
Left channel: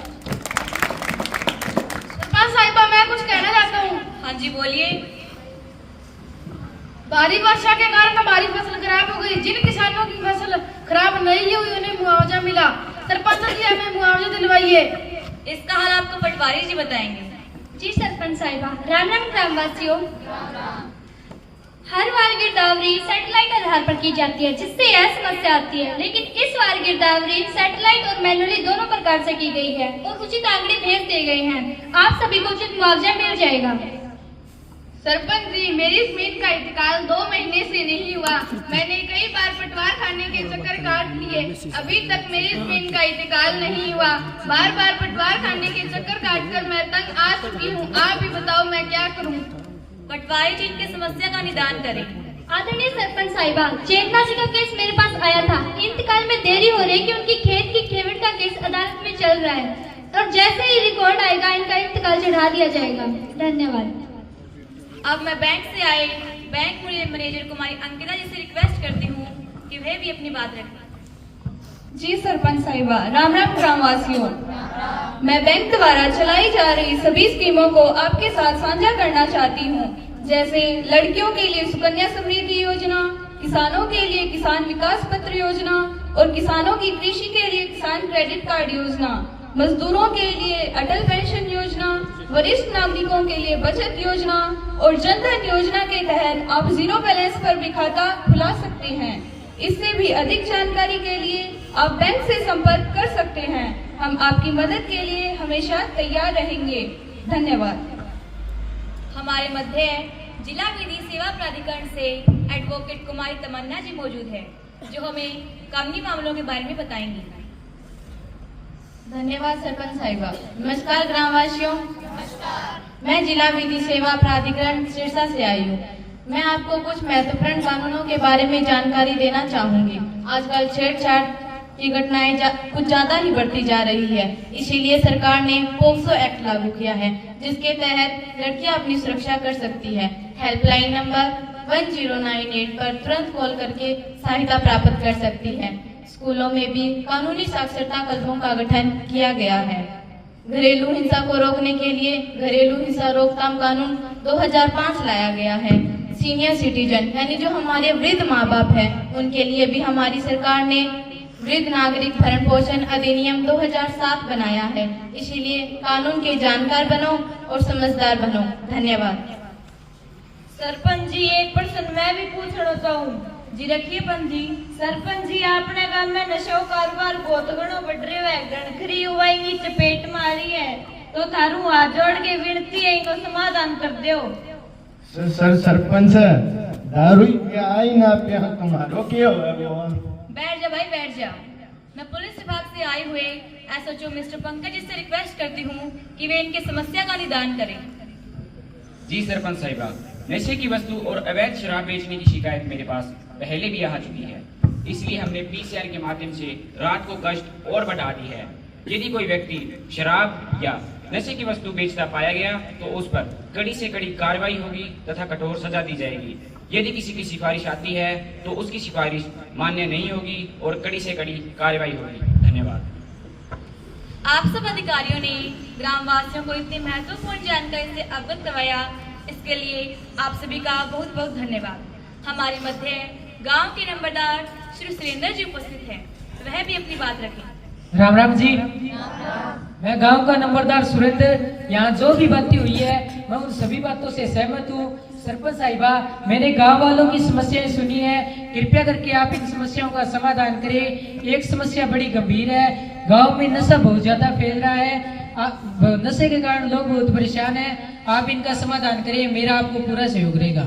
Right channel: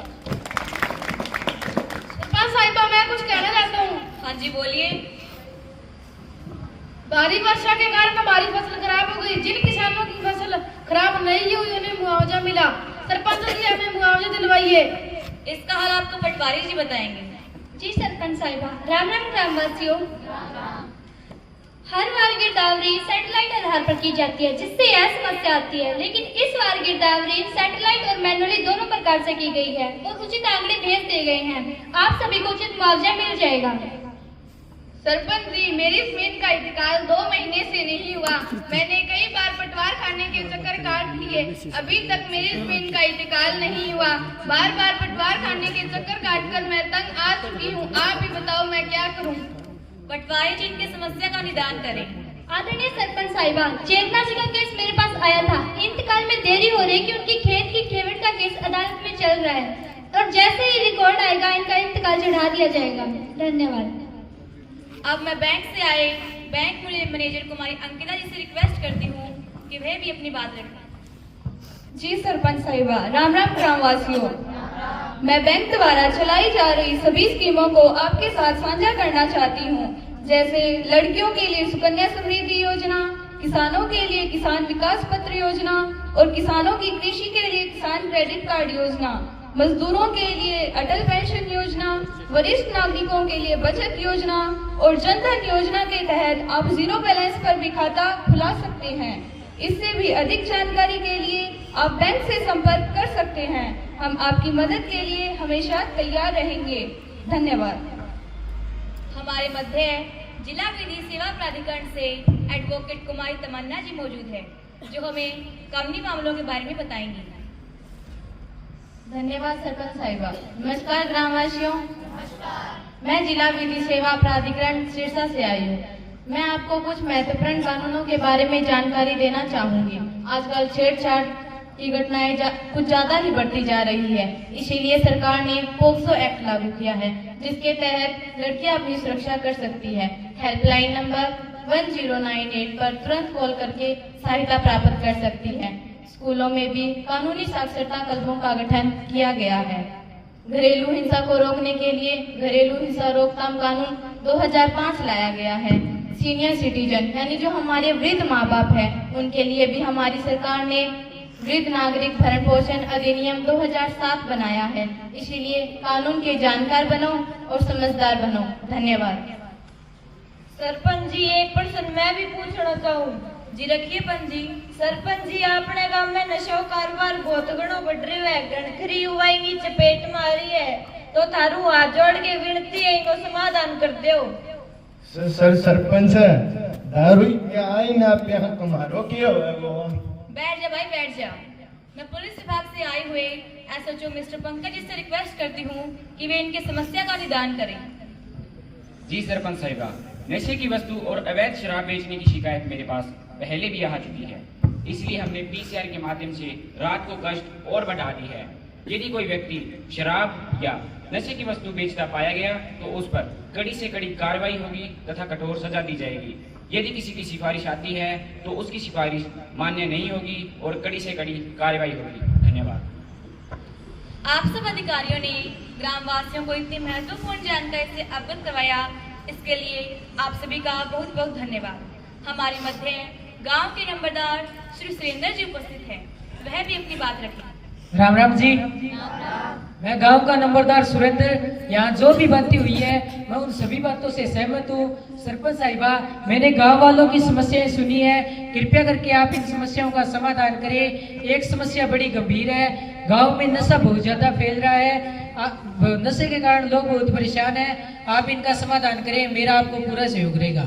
साहिबा, मैं कुछ कहना चाहता हूँ। हाँ जी बोलिए। भारी वर्षा के कारण हमारी फसल खराब हो गई। जिन किसानों की फसल खराब नहीं हुई उन्हें मुआवजा मिला। सरपंच जी हमें मुआवजा दिलवाइए। इसका हाल आपको पटवारी जी बताएंगे। जी सरपंच साहिबा। राम राम ग्रामवासियों। हर बार गिरदावरी सैटेलाइट आधार पर की जाती है, जिससे यह समस्या आती है, लेकिन इस बार गिरदावरी सैटेलाइट और मैनुअली दोनों प्रकार से की गई है और उचित आंकड़े भेज दिए गए हैं। आप सभी को उचित मुआवजा मिल जाएगा। सरपंच जी, मेरी जमीन का इंतकाल 2 महीने से नहीं हुआ। मैंने कई बार पटवार खाने के चक्कर काट लिए, अभी तक मेरी जमीन का इंतकाल नहीं हुआ। बार बार पटवार खाने के चक्कर काटकर मैं तंग आ चुकी हूँ। आप ही बताओ मैं क्या करूँ? पटवारी जी की समस्या का निदान करें। आदरणीय सरपंच साहिबा, चेतना जी का केस मेरे पास आया था। इंतकाल में देरी हो रही कि उनकी खेत की खेवट का केस अदालत में चल रहा है और जैसे ही रिकॉर्ड आएगा इनका इंतकाल चढ़ा दिया जाएगा। धन्यवाद। अब मैं बैंक से आए बैंक मैनेजर कुमारी अंकिता जी से रिक्वेस्ट करती हूँ कि वे भी अपनी बात रखें। जी सरपंच साहिबा। राम राम ग्रामवासियों। मैं बैंक द्वारा चलाई जा रही सभी स्कीमों को आपके साथ साझा करना चाहती हूँ, जैसे लड़कियों के लिए सुकन्या समृद्धि योजना, किसानों के लिए किसान विकास पत्र योजना और किसानों की कृषि के लिए किसान क्रेडिट कार्ड योजना, मजदूरों के लिए अटल पेंशन योजना, वरिष्ठ नागरिकों के लिए बचत योजना और जन धन योजना के तहत आप 0 बैलेंस पर भी खाता खुला सकते हैं। इससे भी अधिक जानकारी के लिए आप बैंक से संपर्क कर सकते हैं। हम आपकी मदद के लिए हमेशा तैयार रहेंगे। धन्यवाद। हमारे मध्य जिला विधि सेवा प्राधिकरण से एडवोकेट कुमारी तमन्ना जी मौजूद है, जो हमें कानूनी मामलों के बारे में बताएंगी। धन्यवाद सरपंच साहिबा। नमस्कार ग्रामवासियों, मैं जिला विधि सेवा प्राधिकरण सिरसा से आई हूँ। मैं आपको कुछ महत्वपूर्ण कानूनों के बारे में जानकारी देना चाहूंगी। आजकल छेड़छाड़ की घटनाएं कुछ ज्यादा ही बढ़ती जा रही है, इसीलिए सरकार ने पोक्सो एक्ट लागू किया है, जिसके तहत लड़कियां अपनी सुरक्षा कर सकती है। हेल्पलाइन नंबर 1098 पर तुरंत कॉल करके सहायता प्राप्त कर सकती है। स्कूलों में भी कानूनी साक्षरता क्लबों का गठन किया गया है। घरेलू हिंसा को रोकने के लिए घरेलू हिंसा रोकथाम कानून 2005 लाया गया है। सीनियर सिटीजन यानी जो हमारे वृद्ध माँ बाप हैं, उनके लिए भी हमारी सरकार ने वृद्ध नागरिक भरण पोषण अधिनियम 2007 बनाया है। इसीलिए कानून के जानकार बनो और समझदार बनो। धन्यवाद। सरपंच जी, एक प्रश्न मैं भी पूछना चाहूँ जी। रखिए पंजी। सरपंच जी, अपने गांव में नशा कारोबार बहुत घणो बढ़ रही है, घणखरी युवाई नी चपेट मारी है, तो थारू हाथ जोड़ के विनती है इनको समाधान कर दो। सरपंच दारू के आई ना पे तुम्हारो क्यों है वो? बैठ जा भाई, बैठ जा। मैं पुलिस विभाग से आए हुए एसएचओ मिस्टर पंकज जी से रिक्वेस्ट करती हूँ कि वे इनके समस्या का निदान करें। जी सरपंच साहिबा, नशे की वस्तु और अवैध शराब बेचने की शिकायत मेरे पास पहले भी आ चुकी है, इसलिए हमने पीसीआर के माध्यम से रात को गश्त और बढ़ा दी है। यदि कोई व्यक्ति शराब या नशे की वस्तु बेचता पाया गया तो उस पर कड़ी से कड़ी कार्रवाई होगी तथा कठोर सजा दी जाएगी। यदि किसी की सिफारिश आती है तो उसकी सिफारिश मान्य नहीं होगी और कड़ी से कड़ी कार्रवाई होगी। धन्यवाद। आप सब अधिकारियों ने ग्रामवासियों को इतनी महत्वपूर्ण जानकारी से अवगत करवाया, इसके लिए आप सभी का बहुत बहुत धन्यवाद। हमारे मध्य गांव के नंबरदार श्री सुरेंद्र जी उपस्थित हैं, वह भी अपनी बात रखें। राम राम जी। मैं गांव का नंबरदार सुरेंद्र, यहाँ जो भी बातें हुई है मैं उन सभी बातों से सहमत हूँ। सरपंच साहिबा, मैंने गांव वालों की समस्याएं सुनी है, कृपया करके आप इन समस्याओं का समाधान करें। एक समस्या बड़ी गंभीर है, गांव में नशा बहुत ज्यादा फैल रहा है, नशे के कारण लोग बहुत परेशान हैं। आप इनका समाधान करें, मेरा आपको पूरा सहयोग रहेगा।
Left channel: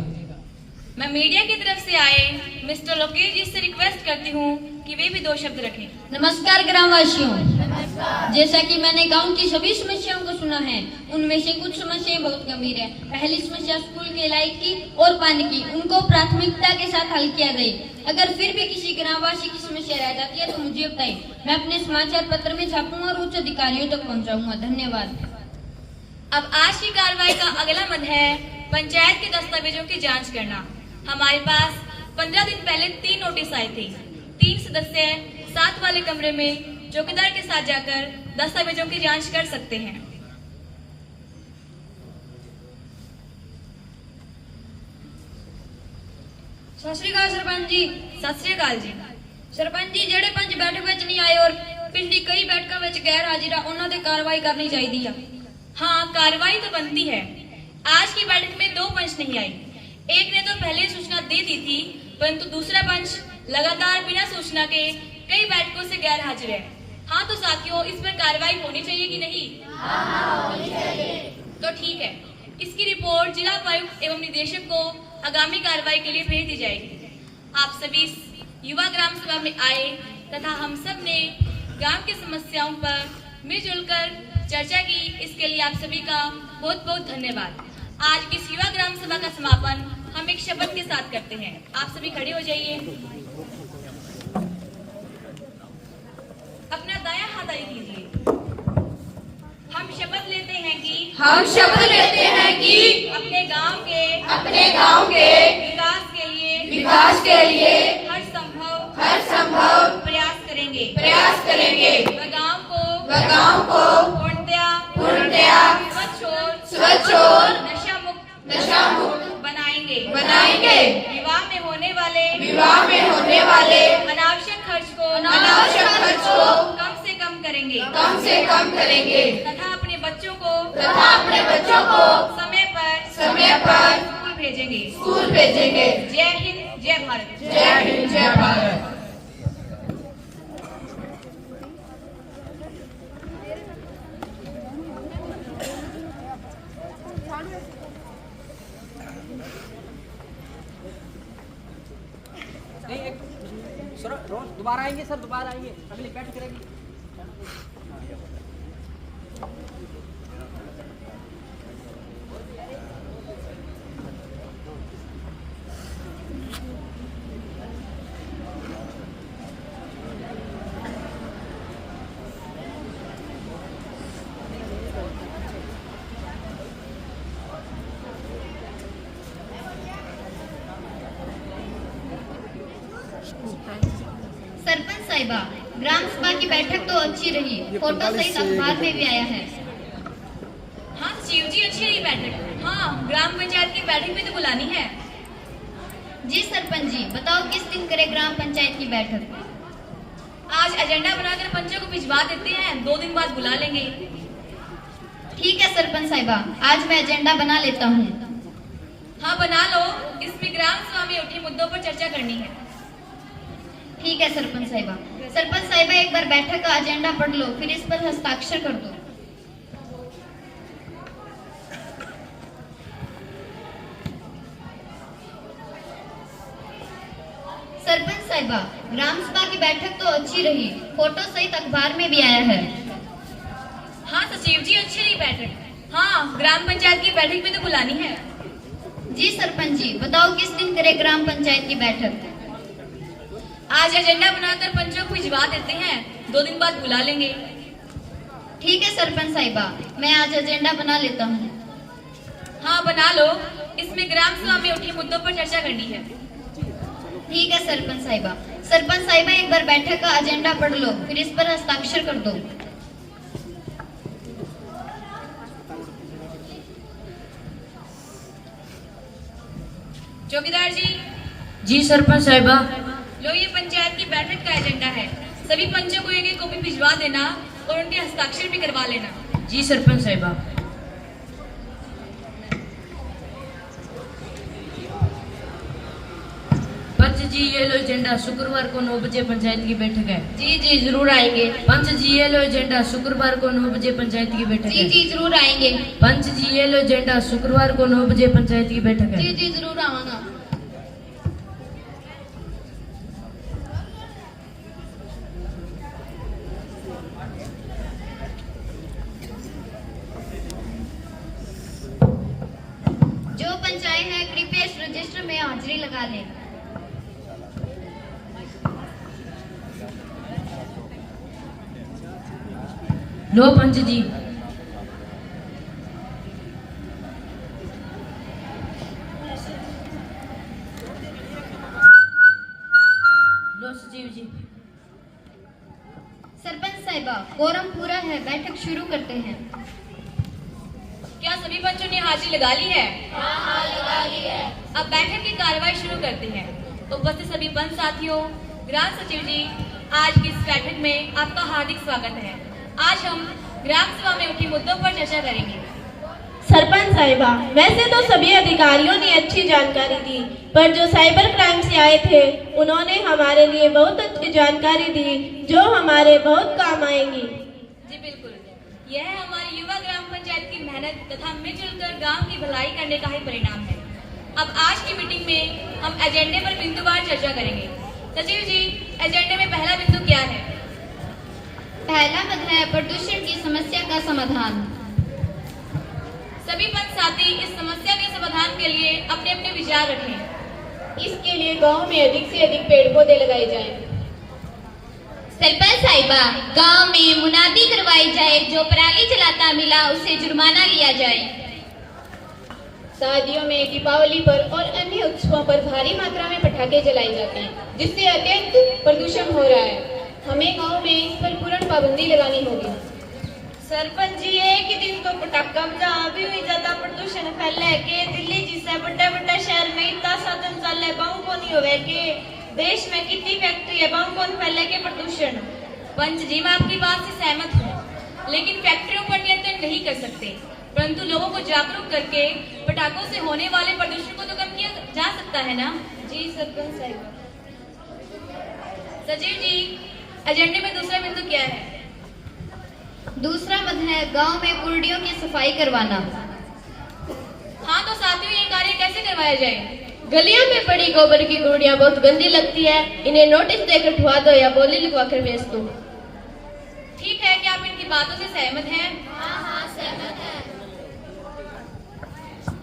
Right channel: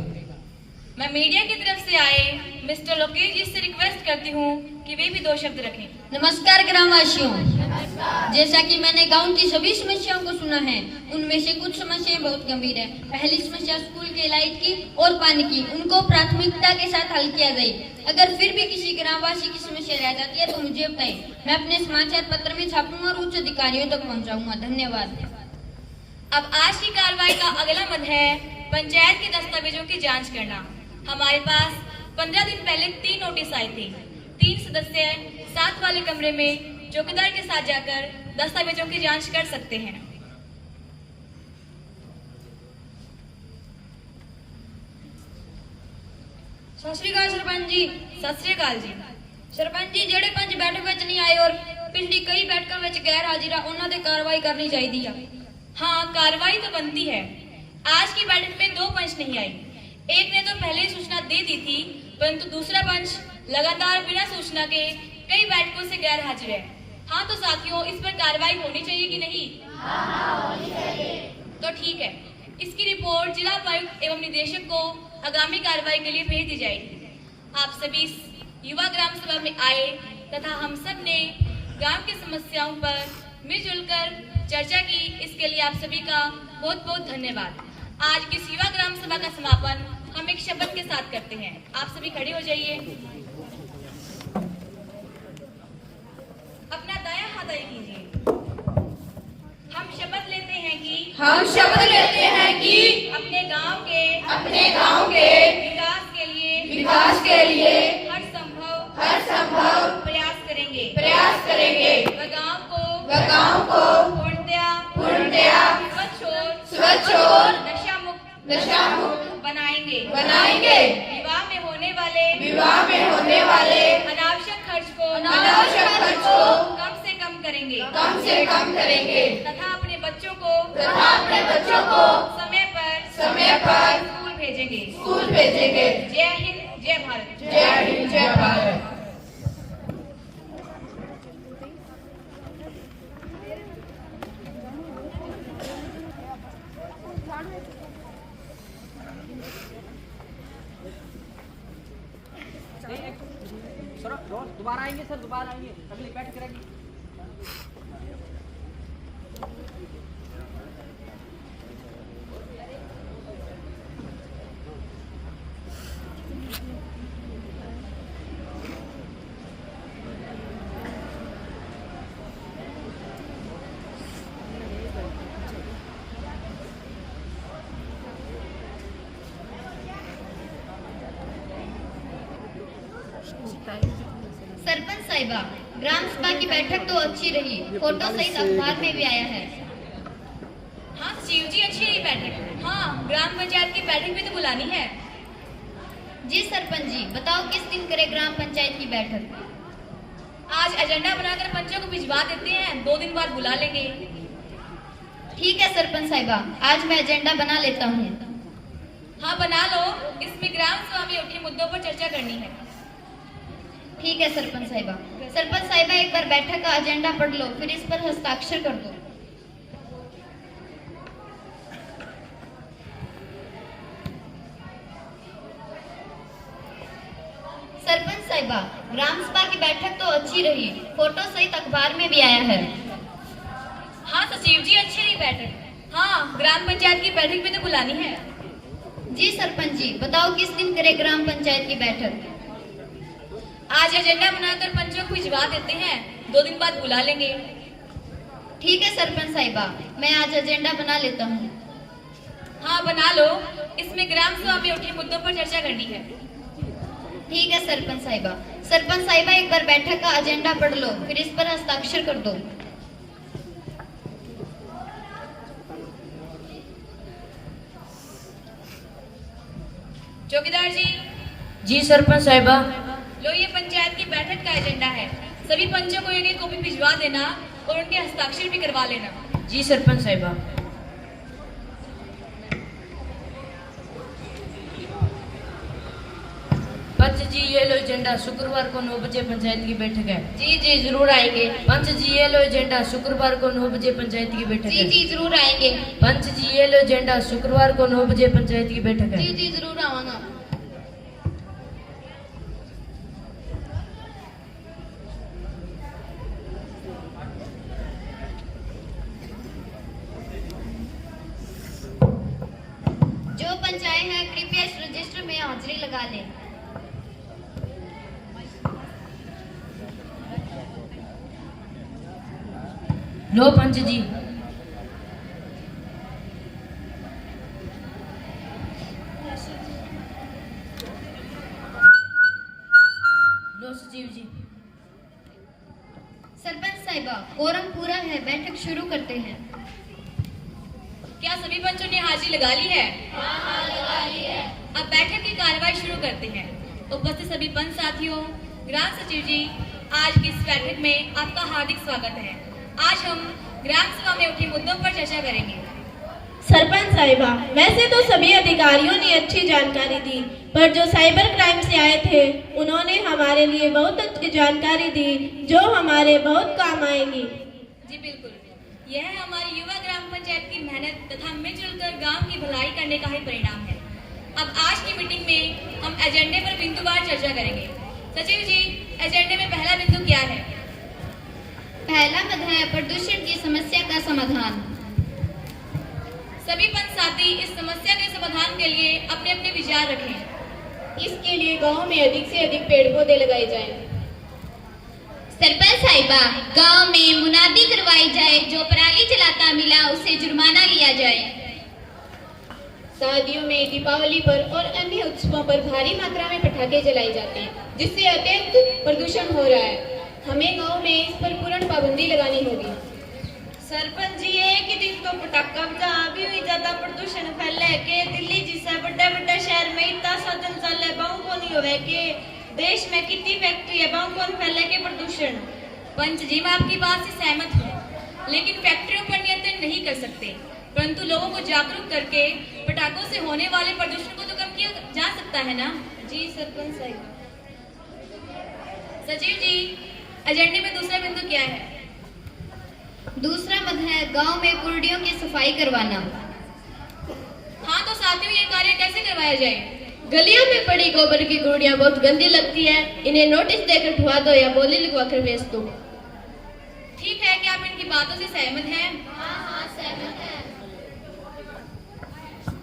मैं मीडिया की तरफ से आए मिस्टर लोकेश जी से रिक्वेस्ट करती हूँ कि वे भी 2 शब्द रखें। नमस्कार ग्रामवासियों, जैसा कि मैंने गांव की सभी समस्याओं को सुना है, उनमें से कुछ समस्याएं बहुत गंभीर है। पहली समस्या स्कूल के लाइट की और पानी की, उनको प्राथमिकता के साथ हल किया जाए। अगर फिर भी किसी ग्रामवासी की समस्या रह जाती है तो मुझे बताए, मैं अपने समाचार पत्र में छापूंगा और उच्च अधिकारियों तक पहुँचाऊंगा। धन्यवाद। अब आज की कार्रवाई का अगला मद है पंचायत के दस्तावेजों की जाँच करना। हमारे पास 15 दिन पहले 3 नोटिस आए थे। 3 सदस्य साथ वाले कमरे में चौकीदार के साथ जाकर दस्तावेजों की जांच कर सकते हैं। सत श्री अकाल सरपंच जी। सत श्री अकाल जी। सरपंच जी, ਜਿਹੜੇ पंच बैठक ਵਿੱਚ नहीं आए और पिंडी कई बैठकों ਵਿੱਚ गैर हाजिर ਉਹਨਾਂ ਤੇ कार्रवाई करनी चाहिए। हाँ, कार्रवाई तो बनती है। आज की बैठक में 2 पंच नहीं आए। एक ने तो पहले सूचना दे दी थी, परंतु दूसरा पंच लगातार बिना सूचना के कई बैठकों से गैर हाजिर है। हाँ तो साथियों, इस पर कार्रवाई होनी चाहिए कि नहीं? हाँ, होनी चाहिए। तो ठीक है, इसकी रिपोर्ट जिला उपायुक्त एवं निदेशक को आगामी कार्रवाई के लिए भेज दी जाएगी। आप सभी युवा ग्राम सभा में आए तथा हम सब ने गांव की समस्याओं पर मिलजुल कर चर्चा की, इसके लिए आप सभी का बहुत बहुत धन्यवाद। आज की युवा ग्राम सभा का समापन हम एक शपथ के साथ करते हैं। आप सभी खड़े हो जाइए। अपना दायां हाथ आगे कीजिए। हम शपथ लेते हैं कि अपने गांव के विकास के लिए हर संभव प्रयास करेंगे। व गांव को पूर्णतया स्वच्छ और नशा मुक्त बनाएंगे। विवाह में होने वाले अनावश्यक खर्च को कम से कम करेंगे तथा अपने बच्चों को समय पर स्कूल भेजेंगे। जय हिंद, जय भारत। चलो रोज दोबारा आएंगे सर, दोबारा आएंगे, अगली बैठ करेंगे। सरपंच साहिबा, ग्राम सभा की बैठक तो अच्छी रही, फोटो सहित अखबार में भी आया है। हाँ शिव जी, अच्छी रही बैठक। हाँ, ग्राम पंचायत की बैठक भी तो बुलानी है। जी सरपंच जी, बताओ किस दिन करे ग्राम पंचायत की बैठक? आज एजेंडा बनाकर पंचों को भिजवा देते हैं, 2 दिन बाद बुला लेंगे। ठीक है सरपंच साहिबा, आज मैं एजेंडा बना लेता हूँ। हाँ बना लो, इसमें ग्राम सभा में उठे मुद्दों पर चर्चा करनी है। ठीक है सरपंच साहिबा। सरपंच साहिबा, एक बार बैठक का एजेंडा पढ़ लो, फिर इस पर हस्ताक्षर कर दो। सरपंच साहिबा, ग्राम सभा की बैठक तो अच्छी रही, फोटो सहित अखबार में भी आया है। हाँ सचिव जी, अच्छी रही बैठक। हाँ, ग्राम पंचायत की बैठक भी तो बुलानी है। जी सरपंच जी, बताओ किस दिन करे ग्राम पंचायत की बैठक? आज एजेंडा बनाकर पंचों को भिजवा देते हैं, 2 दिन बाद बुला लेंगे। ठीक है सरपंच साहिबा, मैं आज एजेंडा बना लेता हूँ। हाँ बना लो, इसमें ग्राम सभा में उठे मुद्दों पर चर्चा करनी है। ठीक है सरपंच साहिबा। सरपंच साहिबा, एक बार बैठक का एजेंडा पढ़ लो, फिर इस पर हस्ताक्षर कर दो। चौकीदार जी। जी सरपंच साहिबा। लो, ये पंचायत की बैठक का एजेंडा है, सभी पंचों को एक कॉपी भिजवा देना और उनके हस्ताक्षर भी करवा लेना। जी सरपंच साहिबा। पंच जी, ये लो एजेंडा, शुक्रवार को 9 बजे पंचायत की बैठक है। जी जी जरूर आएंगे। पंच जी, ये लो एजेंडा, शुक्रवार को 9 बजे पंचायत की बैठक है। जी जी जरूर आएंगे। पंच जी, ये लो एजेंडा, शुक्रवार को 9 बजे पंचायत की बैठक है। जी जी जरूर आऊंगा। जो पंचायत है कृपया इस रजिस्टर में हाजिरी लगा लें। लो पंच जी। लो सचिव जी। सरपंच साहिबा, कोरम पूरा है, बैठक शुरू करते हैं। क्या सभी पंचों ने हाजिरी लगा ली है? हाँ, लगा ली है। अब बैठक की कार्रवाई शुरू करते हैं। उपस्थित सभी पंच साथियों, ग्राम सचिव जी, आज की इस बैठक में आपका हार्दिक स्वागत है। आज हम ग्राम सभा में उठे मुद्दों पर चर्चा करेंगे। सरपंच साहिबा, वैसे तो सभी अधिकारियों ने अच्छी जानकारी दी, पर जो साइबर क्राइम से आए थे उन्होंने हमारे लिए बहुत अच्छी जानकारी दी जो हमारे बहुत काम आएंगी। जी बिल्कुल, यह हमारी युवा ग्राम पंचायत की मेहनत तथा मिलजुल कर गाँव की भलाई करने का ही परिणाम है। अब आज की मीटिंग में हम एजेंडे पर बिंदुवार चर्चा करेंगे। सचिव जी, एजेंडे में पहला बिंदु क्या है? पहला मद है प्रदूषण की समस्या का समाधान। सभी पंच साथी इस समस्या के समाधान के लिए अपने अपने विचार रखें। इसके लिए गांव में अधिक से अधिक पेड़ पौधे लगाए जाएं। सरपंच साहिबा, गांव में मुनादी करवाई जाए, जो पराली जलाता मिला उसे जुर्माना लिया जाए। शादियों में, दीपावली पर और अन्य उत्सवों पर भारी मात्रा में पटाखे जलाए जाते हैं, जिससे अत्यंत प्रदूषण हो रहा है। हमें गांव में इस पर पूर्ण पाबंदी लगानी होगी। सरपंच जी, एक ही दिन तो पटाखा जहाँ भी हुई ज्यादा प्रदूषण फैले के दिल्ली जैसे बड़े बड़े शहर में इतना साधन चले बाहू को नहीं होवे के देश में कितनी फैक्ट्री है बाहू कौन फैले के प्रदूषण। पंच जी, मैं आपकी बात से सहमत हूँ, लेकिन फैक्ट्रियों पर नियंत्रण नहीं कर सकते, परंतु लोगों को जागरूक करके पटाखों से होने वाले प्रदूषण को तो कम किया जा सकता है ना। जी सरपंच साहब। सचिव जी, एजेंडे में दूसरा बिंदु क्या है? दूसरा मद है गांव में कुर्डियों की सफाई करवाना। हाँ तो साथियों, ये कार्य कैसे करवाया जाए? गलियों में पड़ी गोबर की गुड़ियां बहुत गंदी लगती है, इन्हें नोटिस देकर उठवा दो या बोली लिखवा कर भेज दो। ठीक है, क्या आप इनकी बातों से सहमत हैं? हाँ सहमत है।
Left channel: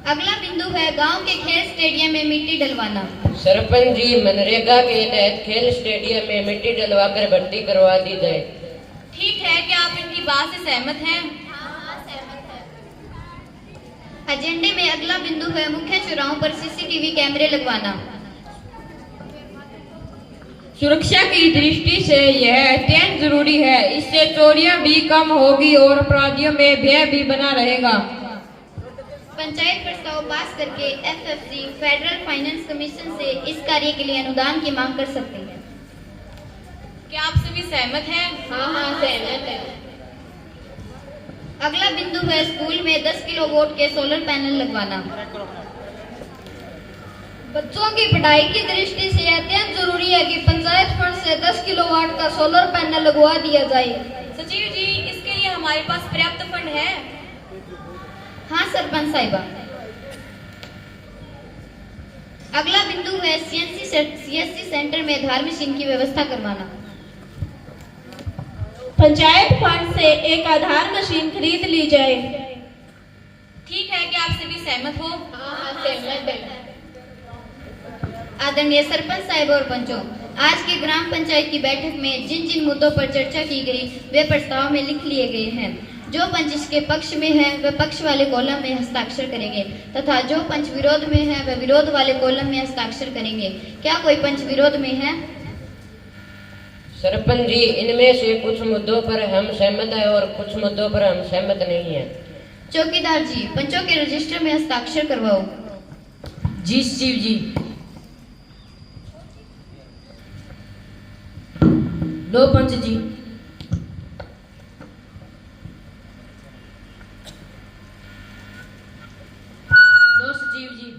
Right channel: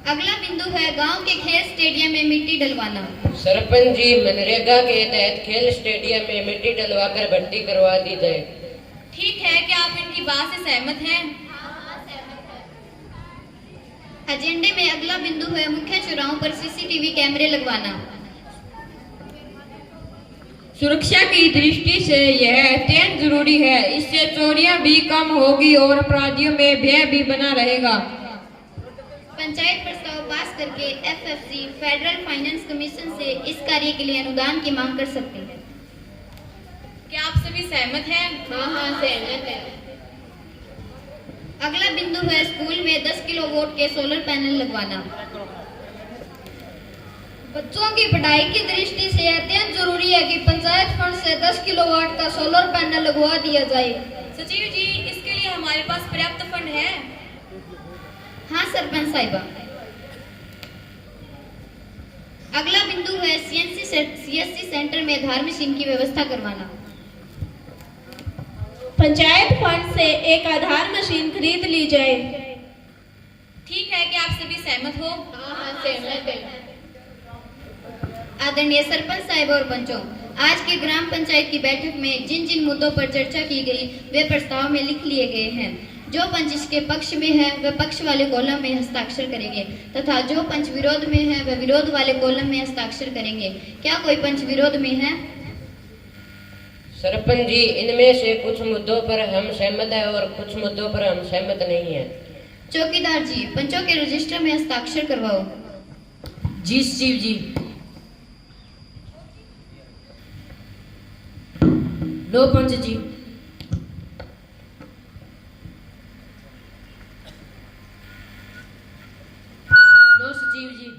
अगला बिंदु है गांव के खेल स्टेडियम में मिट्टी डलवाना। सरपंच जी, मनरेगा के तहत खेल स्टेडियम में मिट्टी डलवाकर भर्ती करवा दी जाए। ठीक है, क्या आप इनकी बात से सहमत हैं? एजेंडे में अगला बिंदु है मुख्य चौराहों पर सीसीटीवी कैमरे लगवाना। सुरक्षा की दृष्टि से यह अत्यंत जरूरी है। इससे चोरियां भी कम होगी और अपराधियों में भय भी बना रहेगा। पंचायत प्रस्ताव पास करके एफएफसी फेडरल फाइनेंस कमीशन से इस कार्य के लिए अनुदान की मांग कर सकते हैं। क्या आप सभी सहमत हैं? हाँ सहमत है। अगला बिंदु है स्कूल में 10 किलोवाट के सोलर पैनल लगवाना। बच्चों की पढ़ाई की दृष्टि से अत्यंत जरूरी है कि पंचायत फंड से 10 किलोवाट का सोलर पैनल लगवा दिया जाए। सचिव जी, इसके लिए हमारे पास पर्याप्त फंड है? हाँ सरपंच साहिबा। अगला बिंदु है सीएससी सेंटर में धार मशीन की व्यवस्था करवाना। पंचायत फंड से एक आधार मशीन खरीद ली जाए। ठीक है, क्या आप सभी सहमत हो? हाँ सहमत है। आदरणीय सरपंच साहिब और पंचों, आज की ग्राम पंचायत की बैठक में जिन जिन मुद्दों पर चर्चा की गई वे प्रस्ताव में लिख लिए गए हैं। जो पंच इसके पक्ष में है वह पक्ष वाले कॉलम में हस्ताक्षर करेंगे तथा जो पंच विरोध में है वह विरोध वाले कॉलम में हस्ताक्षर करेंगे। क्या कोई पंच विरोध में है? सरपंच जी, इनमें से कुछ मुद्दों पर हम सहमत हैं और कुछ मुद्दों पर हम सहमत नहीं हैं। चौकीदार जी, पंचों के रजिस्टर में हस्ताक्षर करवाओ। जी शिव जी। लो पंच जी। लो सचिव जी।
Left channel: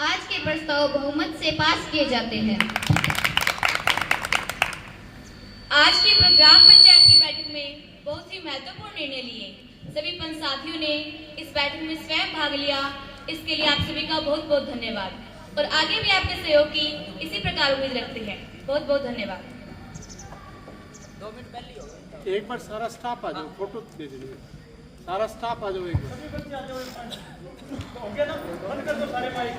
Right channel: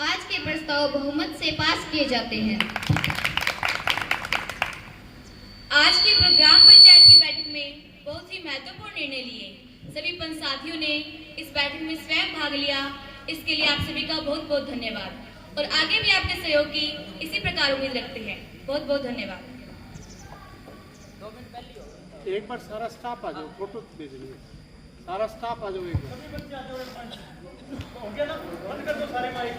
आज के प्रस्ताव बहुमत से पास किए जाते हैं। आज की ग्राम पंचायत की बैठक में बहुत ही महत्वपूर्ण निर्णय लिए। सभी पंच साथियों ने इस बैठक में स्वयं भाग लिया, इसके लिए आप सभी का बहुत बहुत धन्यवाद और आगे भी आपके सहयोग की इसी प्रकार उम्मीद रखते हैं। बहुत बहुत धन्यवाद। एक बार सारा स्टाफ आ जाओ, फोटो भेज दीजिए। सारा स्टाफ आ जाओ, एक बार सभी बच्चे आ जाओ। हो गया ना, बंद कर दो सारे माइक।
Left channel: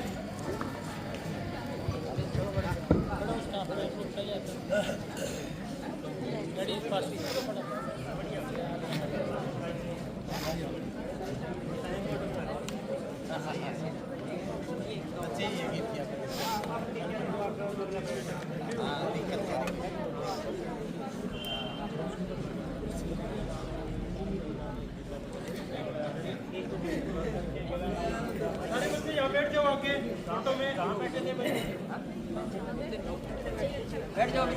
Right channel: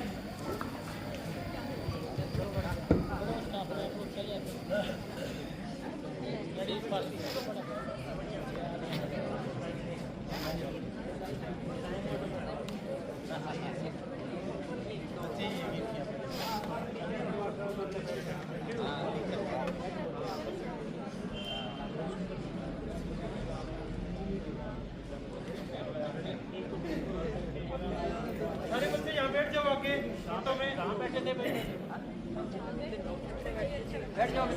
बैठ जाओ आगे, घाटों में कहाँ बैठे थे बैठ जाओ।